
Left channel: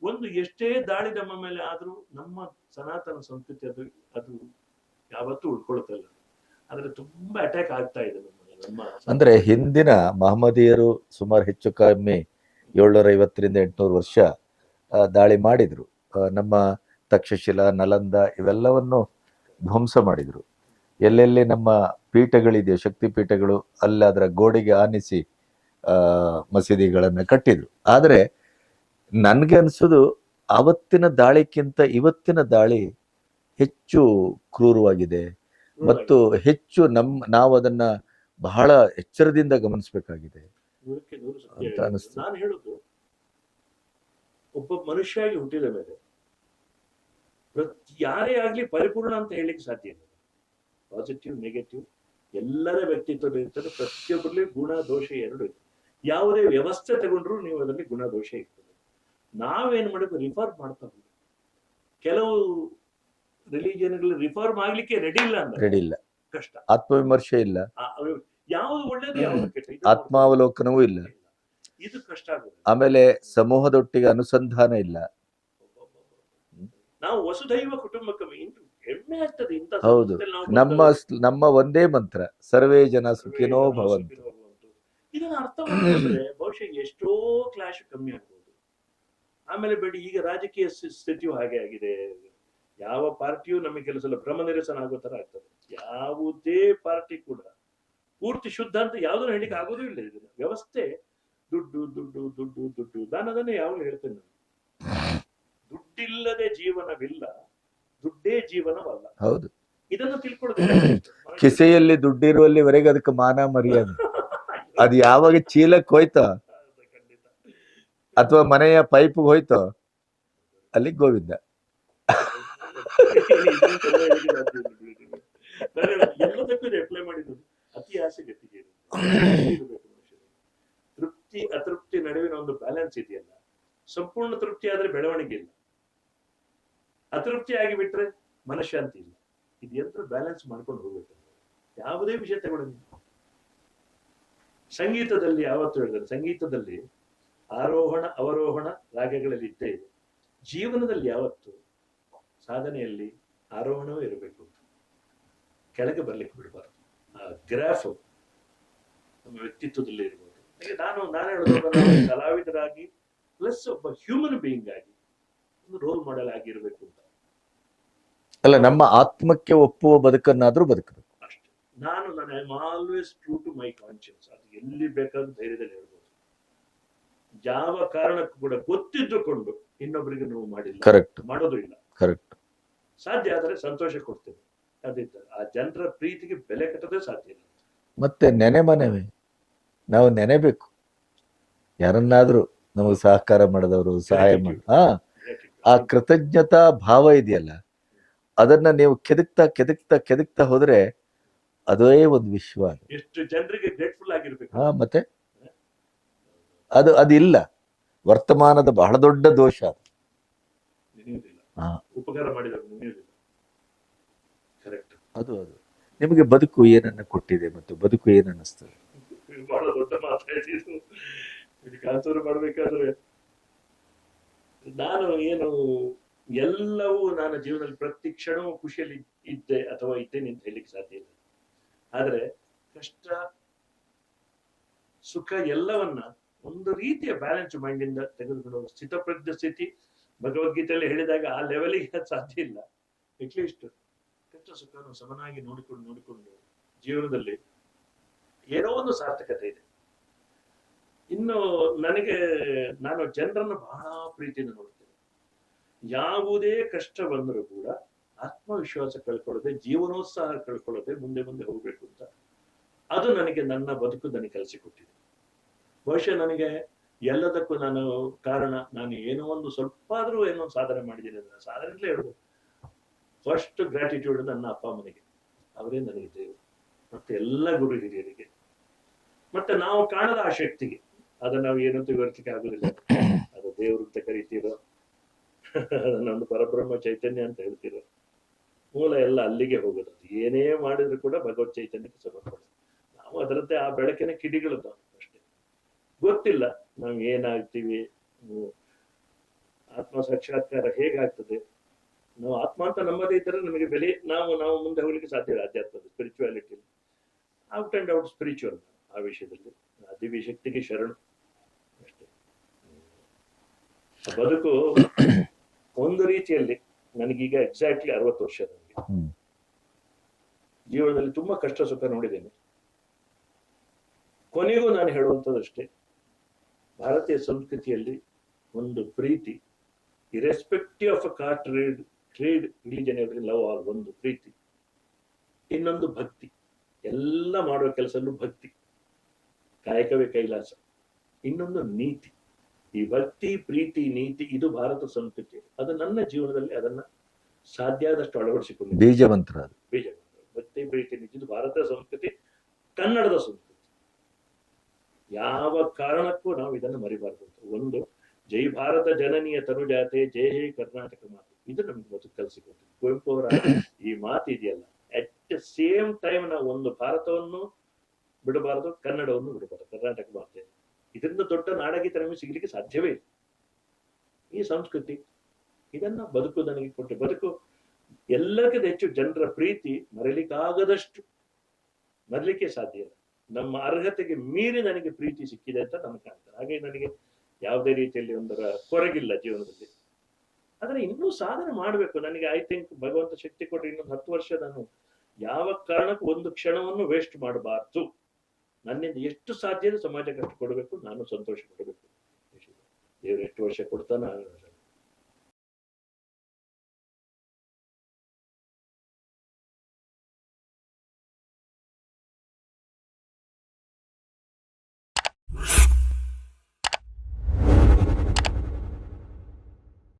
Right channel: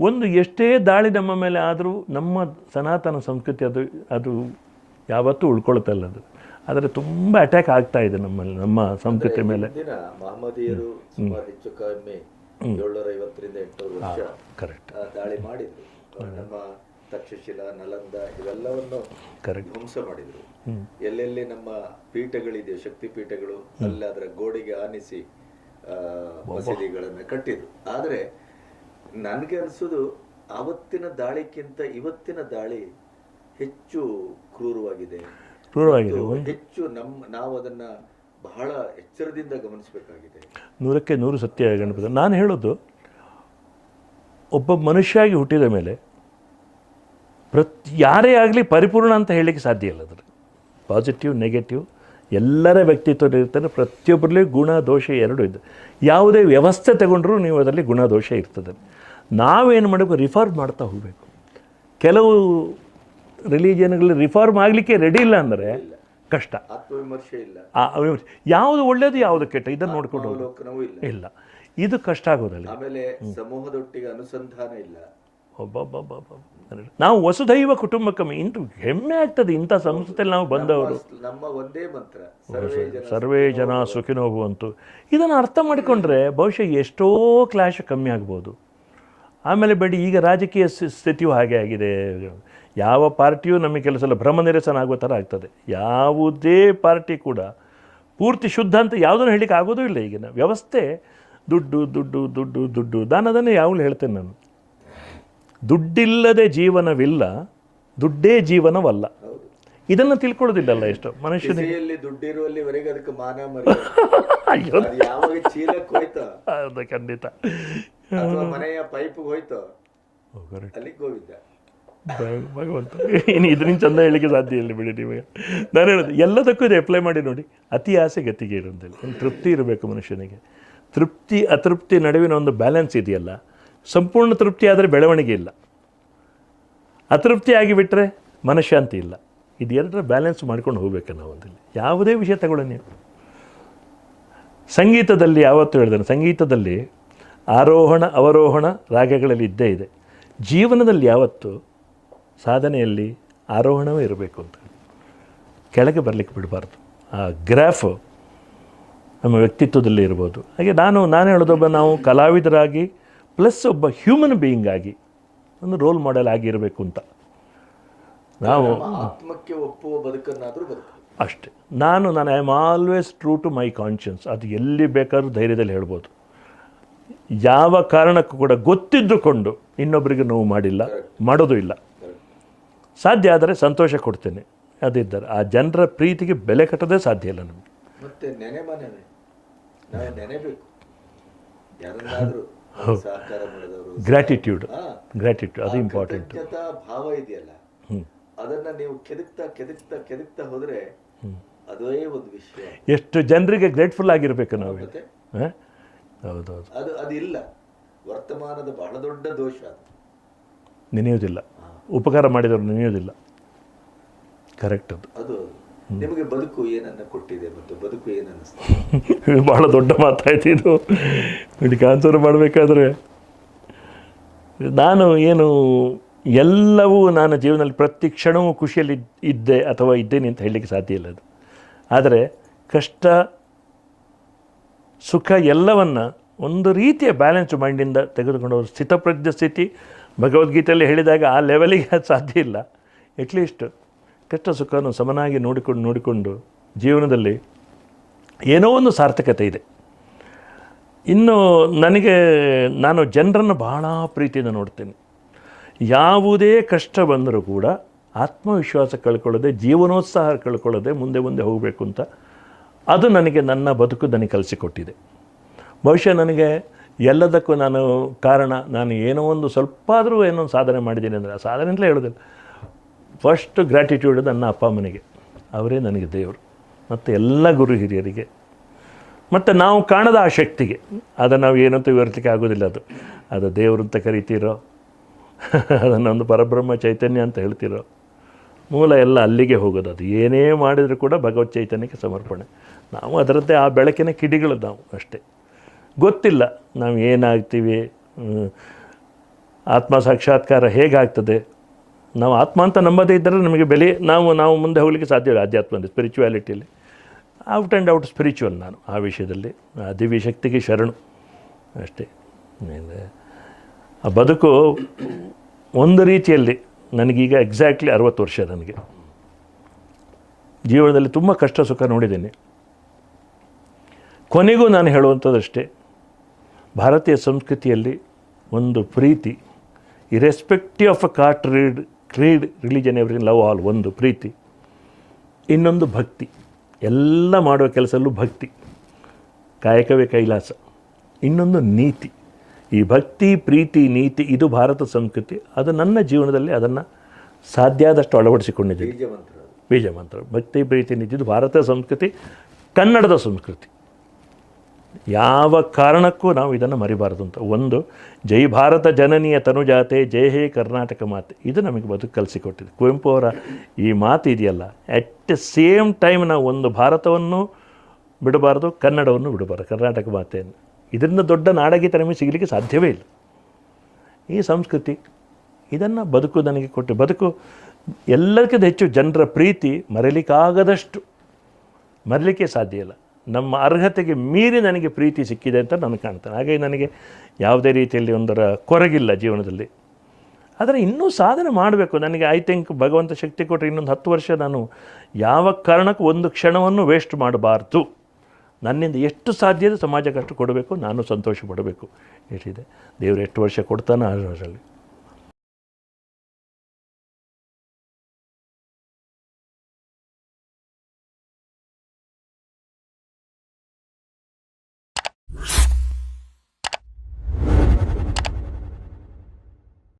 ಒಂದು ಎಷ್ಟೇ ದಾಳಿ ನಮ್ಮ ಮೇಲೆ ಆದರೂ ನಮ್ಮ ಸನಾತನ ಸಂಸ್ಕೃತಿ ಅದು ಅದು ಯಾವತ್ತೂ ಉಳ್ಕೊಳ್ತಲ್ಲ ಅದು. ಆದರೆ ತುಂಬ ಅಟ್ಯಾಕ್ ಆಗ್ತಾ ಇದೆ ನಮ್ಮಲ್ಲಿ ನಮ್ಮ ಅಂದರೆ ಹಿಂದಿನ ಮಹಮ್ಮದೀಯರು ಸುಮಾರು ಹೆಚ್ಚು ಕಮ್ಮಿ ಏಳ್ನೂರ ಐವತ್ತರಿಂದ ಎಂಟುನೂರು ವರ್ಷ ಕರೆಕ್ಟ್ ದಾಳಿ ಮಾಡಿದರು. ನಮ್ಮ ತಕ್ಷಶಿಲಾ ನಲಂದ ಇವೆಲ್ಲವನ್ನು ಕರೆಕ್ಟ್ ಧ್ವಂಸ ಮಾಡಿದರು. ಎಲ್ಲೆಲ್ಲಿ ನಮ್ಮ ಪೀಠಗಳಿದೆಯೋ ಶಕ್ತಿ ಪೀಠಗಳು ಅಲ್ಲಿ ಅದರ ಗೋಡೆಗೆ ಆನಿಸಿ ಮಸೀದಿಗಳನ್ನು ಕಟ್ಟಿದರು. ಕಟ್ಟಿದ್ರು ನನಗೆ ಅನಿಸೋದು ಅವತ್ತಿನ ದಾಳಿಕ್ಕಿಂತ ಇವತ್ತಿನ ದಾಳಿ ಹೆಚ್ಚು ಕ್ರೂರವಾಗಿದೆ. ಮತ್ತು ಹೆಚ್ಚು ನಮ್ಮ ನಾವು ಅದನ್ನ ಬಹಳ ಎಚ್ಚರದಿಂದ ಗಮನಿಸಬೇಕಾಗಿದೆ. ನೂರಕ್ಕೆ ನೂರು ಸತ್ಯ ನಾನು ಹೇಳೋದು ಒಬ್ಬ ಮನುಷ್ಯಾಗಿ ಹುಟ್ಟಿದ ಮೇಲೆ ಪ್ರತಿ ಯಾರೇ ಆಗಲಿ ಪರಿಪೂರ್ಣ ಅಂತ ಹೇಳಲಿಕ್ಕೆ ಸಾಧ್ಯ ಇಲ್ಲ ಅದ್ರ ಪಾಸಿಟಿವ್ ನೆಗೆಟಿವ್ ಎಲ್ಲರ ವ್ಯಕ್ತಿತ್ವ ಇರ್ತದೆ. ಪ್ರತಿಯೊಬ್ಬರಲ್ಲಿ ಗುಣ ದೋಷ ಎರಡೂ ಇದೆ. ಯಾವುದೇ ವ್ಯವಸ್ಥೆ ತಗೊಂಡ್ರೂ ನೀವು ಅದರಲ್ಲಿ ಗುಣ ದೋಷ ಇರ್ತದೆ. ನಾವೇನು ಮಾಡಬೇಕು? ರಿಫಾರ್ಮ್ ಮಾಡ್ತಾ ಹೋಗಬೇಕು. ಕೆಲವು ರಿಲಿಜಿಯನ್ಗಳಲ್ಲಿ ರಿಫಾರ್ಮ್ ಆಗಲಿಕ್ಕೆ ರೆಡಿ ಇಲ್ಲ ಅಂದ್ರೆ ರೆಡಿ ಇಲ್ಲ. ಕಷ್ಟ. ಆತ್ಮವಿಮರ್ಶೆ ಇಲ್ಲ. ಯಾವುದು ಒಳ್ಳೇದು ಯಾವುದು ಕೆಟ್ಟ ಇದನ್ನು ಆತ್ಮಾವಲೋಕನವೂ ಇಲ್ಲ. ಇಲ್ಲ. ಇದು ಕಷ್ಟ ಆಗೋದಿಲ್ಲ. ಆಮೇಲೆ ಸಮೂಹದೊಟ್ಟಿಗೆ ಅನುಸಂಧಾನ ಇಲ್ಲ. ನಾವು ವಸುದೈವ ಕುಟುಂಬಕಂ ಇಂಟು ಹೆಮ್ಮೆ ಆಗ್ತದೆ ಇಂಥ ಸಂಸ್ಥೆಯಲ್ಲಿ ನಾವು ನಮ್ಮ ನಮ್ಮ ಒಂದೇ ಮಂತ್ರ ಸರ್ವೇ ಜನ ಸರ್ವೇ ಜನ ಸುಖಿನೋಗುವಂತೂ ಇದನ್ನು ಅರ್ಥ ಮಾಡಿಕೊಂಡ್ರೆ ಬಹುಶಃ ಎಷ್ಟೋ ಕ್ಲಾಶ್ ಕಮ್ಮಿ ಆಗ್ಬೋದು. ಆಮೇಲೆ ಬೇಡಿ ಈಗ ರಾಜಕೀಯ ಸ್ಥಿ- ಸ್ಥಿತಿಯು ಹಾಗೆ ಆಗಿದೆ. ಯಾವ ಪಾರ್ಟಿಯೂ ನಮಗೆ ಕೆಲಸ ಎಲ್ಲ ಭ್ರಮ ನಿರಸನ ಆಗೋ ಥರ ಆಗ್ತದೆ. ಯಾವುದೇ ಪಾರ್ಟಿ ಕೂಡ ಪೂರ್ತಿ ಶುದ್ಧ ಅಂತ ಯಾವುದನ್ನು ಹೇಳಿಕ್ಕೆ ಆಗೋದೂ ಇಲ್ಲ ಈಗಿನ ವ್ಯವಸ್ಥೆ. ದುಡ್ಡು ದುಡ್ಡು ದುಡ್ಡು ದುಡ್ಡು. ನಾನು ಅದನ್ನೇ ಯಾವಾಗಲೂ ಹೇಳ್ತೇನೆ ನಾನು. ದುಡ್ಡಿಲ್ಲದೆ ಜೀವನವಿಲ್ಲ ದುಡ್ಡೇ ಜೀವನವಲ್ಲ. ಹೌದು. ಇದನ್ನು ತಿಳ್ಕೊಳ್ಳೋದಿಲ್ಲ ಎಷ್ಟು ಮನುಷ್ಯ ಕಿಸೆಯಲ್ಲಿ ದುಡ್ಡಿರುವಲ್ಲಿವರೆಗೆ ಅದಕ್ಕೆ ಮಾನ ಮರ್ಯಾದೆ. ಅದು ಯಾವಾಗ ಚೀಲಕ್ಕೆ ಹೋಯ್ತೋ? ಖಂಡಿತ. ಅಥವಾ ಮನೆಯ ಪೈಪ್ ಹೋಯ್ತೋ? ಅಲ್ಲಿಗೆ ಗೋವಿಂದ. ಇನ್ನು ಇದನ್ನು ಚಂದ ಹೇಳಿಕ್ಕೆ ಸಾಧ್ಯ ಇಲ್ಲ ಬಿಡಿ ನೀವು ನಾನು ಹೇಳೋದು, ಎಲ್ಲದಕ್ಕೂ ಇದು ಅಪ್ಲೈ ಮಾಡಿ ನೋಡಿ. ಅತಿ ಆಸೆ ಗತಿಗೆ ಇರೋದಿಲ್ಲ ತೃಪ್ತಿ ಇರಬೇಕು ಮನುಷ್ಯನಿಗೆ. ತೃಪ್ತಿ, ಅತೃಪ್ತಿ ನಡುವಿನ ಒಂದು ಬ್ಯಾಲೆನ್ಸ್ ಇದೆಯಲ್ಲ. ಸಂಪೂರ್ಣ ತೃಪ್ತಿ ಆದರೆ ಬೆಳವಣಿಗೆ ಇಲ್ಲ. ಅತೃಪ್ತಿ ಆಗಿಬಿಟ್ರೆ ಮನಃಶಾಂತಿ ಇಲ್ಲ. ಇದು ಎರಡರ ಬ್ಯಾಲೆನ್ಸ್ ಮಾಡ್ಕೊಂಡು ಹೋಗ್ಬೇಕು ನಾವು ಅದ್ರಲ್ಲಿ ಯಾವುದೇ ವಿಷಯ ತಗೊಳ್ಳಿ ನೀವು. ಸಂಗೀತದಲ್ಲಿ ಯಾವತ್ತೂ ಹೇಳಿದಾನೆ ಸಂಗೀತದಲ್ಲಿ ಆರೋಹಣ, ಅವರೋಹಣ ರಾಗಗಳಲ್ಲಿ ಇದ್ದೇ ಇದೆ. ಜೀವನದಲ್ಲಿ ಯಾವತ್ತು ಸಾಧನೆಯಲ್ಲಿ ಆರೋಹಣವೇ ಇರಬೇಕು ಅಂತ ಕೆಳಗೆ ಬರಲಿಕ್ಕೆ ಬಿಡಬಾರ್ದು. ಆ ಗ್ರಾಫ್ ನಮ್ಮ ವ್ಯಕ್ತಿತ್ವದಲ್ಲಿ ಇರ್ಬೋದು. ಹಾಗೆ ನಾನು ನಾನು ಹೇಳೋದೊಬ್ಬ ನಾವು ಕಲಾವಿದರಾಗಿ ಪ್ಲಸ್ ಒಬ್ಬ ಹ್ಯೂಮನ್ ಬೀಯಿಂಗ್ ಆಗಿ ಒಂದು ರೋಲ್ ಮಾಡೆಲ್ ಆಗಿರಬೇಕು ಅಂತ. ಅಲ್ಲ ನಮ್ಮ ಆತ್ಮಕ್ಕೆ ಒಪ್ಪುವ ಬದುಕನ್ನಾದರೂ ಬದುಕು ಅಷ್ಟೆ. ನಾನು ನಾನು I am always true to my conscience ಅದು ಎಲ್ಲಿ ಬೇಕಾದರೂ ಧೈರ್ಯದಲ್ಲಿ ಹೇಳ್ಬೋದು. ಯಾವ ಕಾರಣಕ್ಕೂ ಕೂಡ ಗೊತ್ತಿದ್ದುಕೊಂಡು ಇನ್ನೊಬ್ಬರಿಗೆ ನೋವು ಮಾಡಿಲ್ಲ ಕರೆಕ್ಟ್ ಮಾಡೋದು ಇಲ್ಲ. ಕರೆಕ್ಟ್ ಸಾಧ್ಯ ಆದರೆ ಸಂತೋಷ ಕೊಡ್ತೇನೆ. ಅದಿದ್ದರೆ ಆ ಜನರ ಪ್ರೀತಿಗೆ ಬೆಲೆ ಕಟ್ಟೋದೇ ಸಾಧ್ಯ ಇಲ್ಲ ನಮಗೆ. ಮತ್ತೆ ನೆನೆ ಮನೆವೇ. ನಾವು ನೆನೆಬೇಕು. ಯಾರನ್ನಾದರೂ ಸಹಕಾರ ಮಾಡಿದವರು ಗ್ರಾಟಿಟ್ಯೂಡ್ ಗ್ರಾಟಿಟ್ಯೂಡ್ ಆ ಕೃತಜ್ಞತಾ ಭಾವ ಇದೆಯಲ್ಲ ಅದನ್ನ ನೀವು ಕೆದಕ್ತಾ ಕೆದಕ್ತಾ ಕೆದಕ್ತಾ ಹೋದ್ರೆ ಅದೇ ಒಂದು ವಿಶ್ವ. ಎಷ್ಟು ಜನರಿಗೆ ಗ್ರೇಟ್ಫುಲ್ ಆಗಿರ್ಬೇಕು ಮತ್ತೆ? ಹೌದು ಅದು ಅದಿಲ್ಲ. ವರ್ತಮಾನದ ಬಹಳ ದೊಡ್ಡ ದೋಷ ಅದು. ನೆನೆಯೋದಿಲ್ಲ. ಉಪಕಾರ ಮಾಡಿದವರು ನೆನೆಯೋದಿಲ್ಲ. ಕರೆಕ್ಟ್ ಅದು. ಅದು ನಿಮಗೆ ಬದುಕು ಏನನ್ನು ಕೊಟ್ಟಿದೆ ಮತ್ತು ಬದುಕು ಏನು ಅನ್ನಿಸ್ತದೆ ಭಾಳ [laughs] ದೊಡ್ಡ ಮಾತಾಯ್ತು ಇದು. ಇದಕ್ಕೆ ಆನ್ಸರ್ ಮಾಡಬೇಕಾದ್ರೆ ನಾನು ಏನು ಎಲ್ಲವೂ ನಾನು ಜೀವನದಲ್ಲಿ ಪ್ರತಿ ಕ್ಷಣವೂ ಖುಷಿಯಲ್ಲಿ ಇದ್- ಇದ್ದೆ ಅಥವಾ ಇದ್ದೇನೆ ಅಂತ ಹೇಳಲಿಕ್ಕೆ ಸಾಧ್ಯ ಇಲ್ಲ ಅದು. ಆದರೆ ಕಷ್ಟ ಸುಖ ಎಲ್ಲವನ್ನು ಒಂದು ರೀತಿಯ ಬ್ಯಾಲೆನ್ಸ್ ಮೈಂಡಿಂದ ತೆಗೆದುಕೊಂಡು ಸ್ಥಿತಪ್ರಜ್ಞ ಸ್ಥಿತಿ ಭಗವದ್ಗೀತೆಯಲ್ಲಿ ಹೇಳಿದಾಗ ಆ ಲೆವೆಲಿಗೆ ಅದು ಸಾಧ್ಯ ಇಲ್ಲ. ಅಟ್ಲೀಸ್ಟ್ ಕಷ್ಟ ಸುಖವನ್ನು ಸಮನಾಗಿ ನೋಡಿಕೊಂಡು ನೋಡಿಕೊಂಡು ಜೀವನದಲ್ಲಿ ಏನೋ ಒಂದು ಸಾರ್ಥಕತೆ ಇದೆ. ಇನ್ನು ನನಗೆ, ನಾನು ಜನರನ್ನು ಬಹಳ ಪ್ರೀತಿಯಿಂದ ನೋಡ್ತೇನೆ. ಯಾವುದೇ ಕಷ್ಟ ಬಂದರೂ ಕೂಡ ಆತ್ಮವಿಶ್ವಾಸ ಕಳ್ಕೊಳ್ಳದೆ, ಜೀವನೋತ್ಸಾಹ ಕಳ್ಕೊಳ್ಳದೆ ಮುಂದೆ ಮುಂದೆ ಹೋಗಬೇಕು ಅಂತ ಅದು ನನಗೆ ನನ್ನ ಬದುಕು ನನಗೆ ಕಲಿಸಿಕೊಟ್ಟಿದೆ. ಬಹುಶಃ ನನಗೆ ಎಲ್ಲದಕ್ಕೂ ನಾನು ಕಾರಣ. ನಾನು ಏನೋ ಒಂದು ಸ್ವಲ್ಪ ಆದರೂ ಏನೋ ಸಾಧನೆ ಮಾಡಿದ್ದೀನಿ ಅಂದರೆ ಆ ಸಾಧನೆ ಅಂತಲೇ ಹೇಳೋದಿಲ್ಲ. ಫಸ್ಟ್ ಗ್ರ್ಯಾಟಿಟ್ಯೂಡ್ ನನ್ನ ಅಪ್ಪ ಅಮ್ಮನಿಗೆ. ಅವರೇ ನನಗೆ ದೇವರು. ಮತ್ತು ಎಲ್ಲ ಗುರು ಹಿರಿಯರಿಗೆ. ಮತ್ತು ನಾವು ಕಾಣದ ಆ ಶಕ್ತಿಗೆ. ಅದನ್ನು ನಾವು ಏನಂತ ವಿವರಿಸಲಿಕ್ಕೆ ಆಗೋದಿಲ್ಲ ಅದು. ಅದು ದೇವರು ಅಂತ ಕರಿತೀರೋ, ಅದನ್ನು ಒಂದು ಪರಬ್ರಹ್ಮ ಚೈತನ್ಯ ಅಂತ ಹೇಳ್ತಿರೋ, ಮೂಲ ಎಲ್ಲ ಅಲ್ಲಿಗೆ ಹೋಗೋದು. ಅದು ಏನೇ ಮಾಡಿದರೂ ಕೂಡ ಭಗವತ್ ಚೈತನ್ಯಕ್ಕೆ ಸಮರ್ಪಣೆ. ನಾವು ಅದರದ್ದೇ ಆ ಬೆಳಕಿನ ಕಿಡಿಗಳು ನಾವು ಅಷ್ಟೇ. ಗೊತ್ತಿಲ್ಲ ನಾವು ಏನಾಗ್ತೀವಿ ಆತ್ಮ ಸಾಕ್ಷಾತ್ಕಾರ ಹೇಗಾಗ್ತದೆ? ನಾವು ಆತ್ಮ ಅಂತ ನಂಬದೇ ಇದ್ದರೆ ನಮಗೆ ಬೆಲೆ, ನಾವು ನಾವು ಮುಂದೆ ಹೋಗಲಿಕ್ಕೆ ಸಾಧ್ಯ ಇಲ್ಲ ಆಧ್ಯಾತ್ಮದಲ್ಲಿ ಸ್ಪಿರಿಚುವಾಲಿಟಿಯಲ್ಲಿ ಔಟ್ ಆ್ಯಂಡ್ ಔಟ್ ಸ್ಪಿರಿಚುವಲ್ ನಾನು ಆ ವಿಷಯದಲ್ಲಿ ಆ ದಿವ್ಯ ಶಕ್ತಿಗೆ ಶರಣು ಅಷ್ಟೇ. ಆ ಬದುಕು ಒಂದು ರೀತಿಯಲ್ಲಿ ನನಗೀಗ ಎಕ್ಸಾಕ್ಟ್ಲಿ ಅರವತ್ತು ವರ್ಷ ನನಗೆ. ಜೀವನದಲ್ಲಿ ತುಂಬ ಕಷ್ಟ ಸುಖ ನೋಡಿದ್ದೀನಿ. ಕೊನೆಗೂ ನಾನು ಹೇಳುವಂಥದ್ದಷ್ಟೇ ಭಾರತೀಯ ಸಂಸ್ಕೃತಿಯಲ್ಲಿ ಒಂದು ಪ್ರೀತಿ irrespective of a caste read creed religion every love all ಒಂದು ಪ್ರೀತಿ. ಇನ್ನೊಂದು ಭಕ್ತಿ ಎಲ್ಲ ಮಾಡುವ ಕೆಲಸಲ್ಲೂ ಭಕ್ತಿ ಕಾಯಕವೇ ಕೈಲಾಸ. ಇನ್ನೊಂದು ನೀತಿ ಈ ಭಕ್ತಿ ಪ್ರೀತಿ ನೀತಿ ಇದು ಭಾರತ ಸಂಸ್ಕೃತಿ ಅದು ನನ್ನ ಜೀವನದಲ್ಲಿ ಅದನ್ನು ಸಾಧ್ಯ ಆದಷ್ಟು ಅಳವಡಿಸಿಕೊಂಡಿದ್ದೆ ಬೀಜ ಮಂತ್ರ ಬೀಜ ಮಂತ್ರ ಭಕ್ತಿ ಪ್ರೀತಿ ನೀತಿ ಇದು ಭಾರತ ಸಂಸ್ಕೃತಿ ಕನ್ನಡದ ಸಂಸ್ಕೃತಿ. ಯಾವ ಕಾರಣಕ್ಕೂ ನಾವು ಇದನ್ನು ಮರಿಬಾರದು ಅಂತ. ಒಂದು, ಜೈ ಭಾರತ ಜನನೀಯ ತನುಜಾತೆ, ಜೈ ಹೇ ಕರ್ನಾಟಕ ಮಾತೆ. ಇದು ನಮಗೆ ಬದುಕು ಕಲಿಸಿಕೊಟ್ಟಿದೆ. ಕುವೆಂಪು ಅವರ ಈ ಮಾತು ಇದೆಯಲ್ಲ ಅಟ್ ದ ಸೇಮ್ ಟೈಮ್ ನಾವು ಒಂದು ಭಾರತವನ್ನು ಬಿಡಬಾರ್ದು, ಕನ್ನಡವನ್ನು ಬಿಡಬಾರ್ದು, ಕರ್ನಾಟಕ ಮಾತೆಯನ್ನು. ಇದರಿಂದ ದೊಡ್ಡ ನಾಡಗೀತ ನಮಗೆ ಸಿಗಲಿಕ್ಕೆ ಸಾಧ್ಯವೇ ಇಲ್ಲ. ಈ ಸಂಸ್ಕೃತಿ ಇದನ್ನು ಬದುಕು ನನಗೆ ಕೊಟ್ಟು, ಬದುಕು ಎಲ್ಲಕ್ಕಿಂತ ಹೆಚ್ಚು ಜನರ ಪ್ರೀತಿ ಮರೆಯಲಿಕ್ಕಾಗದಷ್ಟು ಮರಲಿಕ್ಕೆ ಸಾಧ್ಯ ಇಲ್ಲ. ನಮ್ಮ ಅರ್ಹತೆಗೆ ಮೀರಿ ನನಗೆ ಪ್ರೀತಿ ಸಿಕ್ಕಿದೆ ಅಂತ ನಾನು ಕಾಣ್ತಾನೆ. ಹಾಗಾಗಿ ನನಗೆ ಯಾವುದೇ ರೀತಿಯಲ್ಲಿ ಒಂದರ ಕೊರಗಿಲ್ಲ ಜೀವನದಲ್ಲಿ. ಆದರೆ ಇನ್ನೂ ಸಾಧನೆ ಮಾಡಬೇಕು. ನನಗೆ ಐ ಥಿಂಕ್ ಭಗವಂತ ಶಕ್ತಿ ಕೊಟ್ಟರೆ ಇನ್ನೊಂದು ಹತ್ತು ವರ್ಷ ನಾನು ಯಾವ ಕಾರಣಕ್ಕೂ ಒಂದು ಕ್ಷಣವನ್ನು ವೇಸ್ಟ್ ಮಾಡಬಾರ್ದು. ನನ್ನಿಂದ ಎಷ್ಟು ಸಾಧ್ಯದ ಸಮಾಜಕ್ಕೆ ಅಷ್ಟು ಕೊಡಬೇಕು. ನಾನು ಸಂತೋಷ ಪಡಬೇಕು. ಎಷ್ಟಿದೆ ದೇವರು ಎಷ್ಟು ವರ್ಷ ಕೊಡ್ತಾನೋ ಅಷ್ಟರಲ್ಲಿ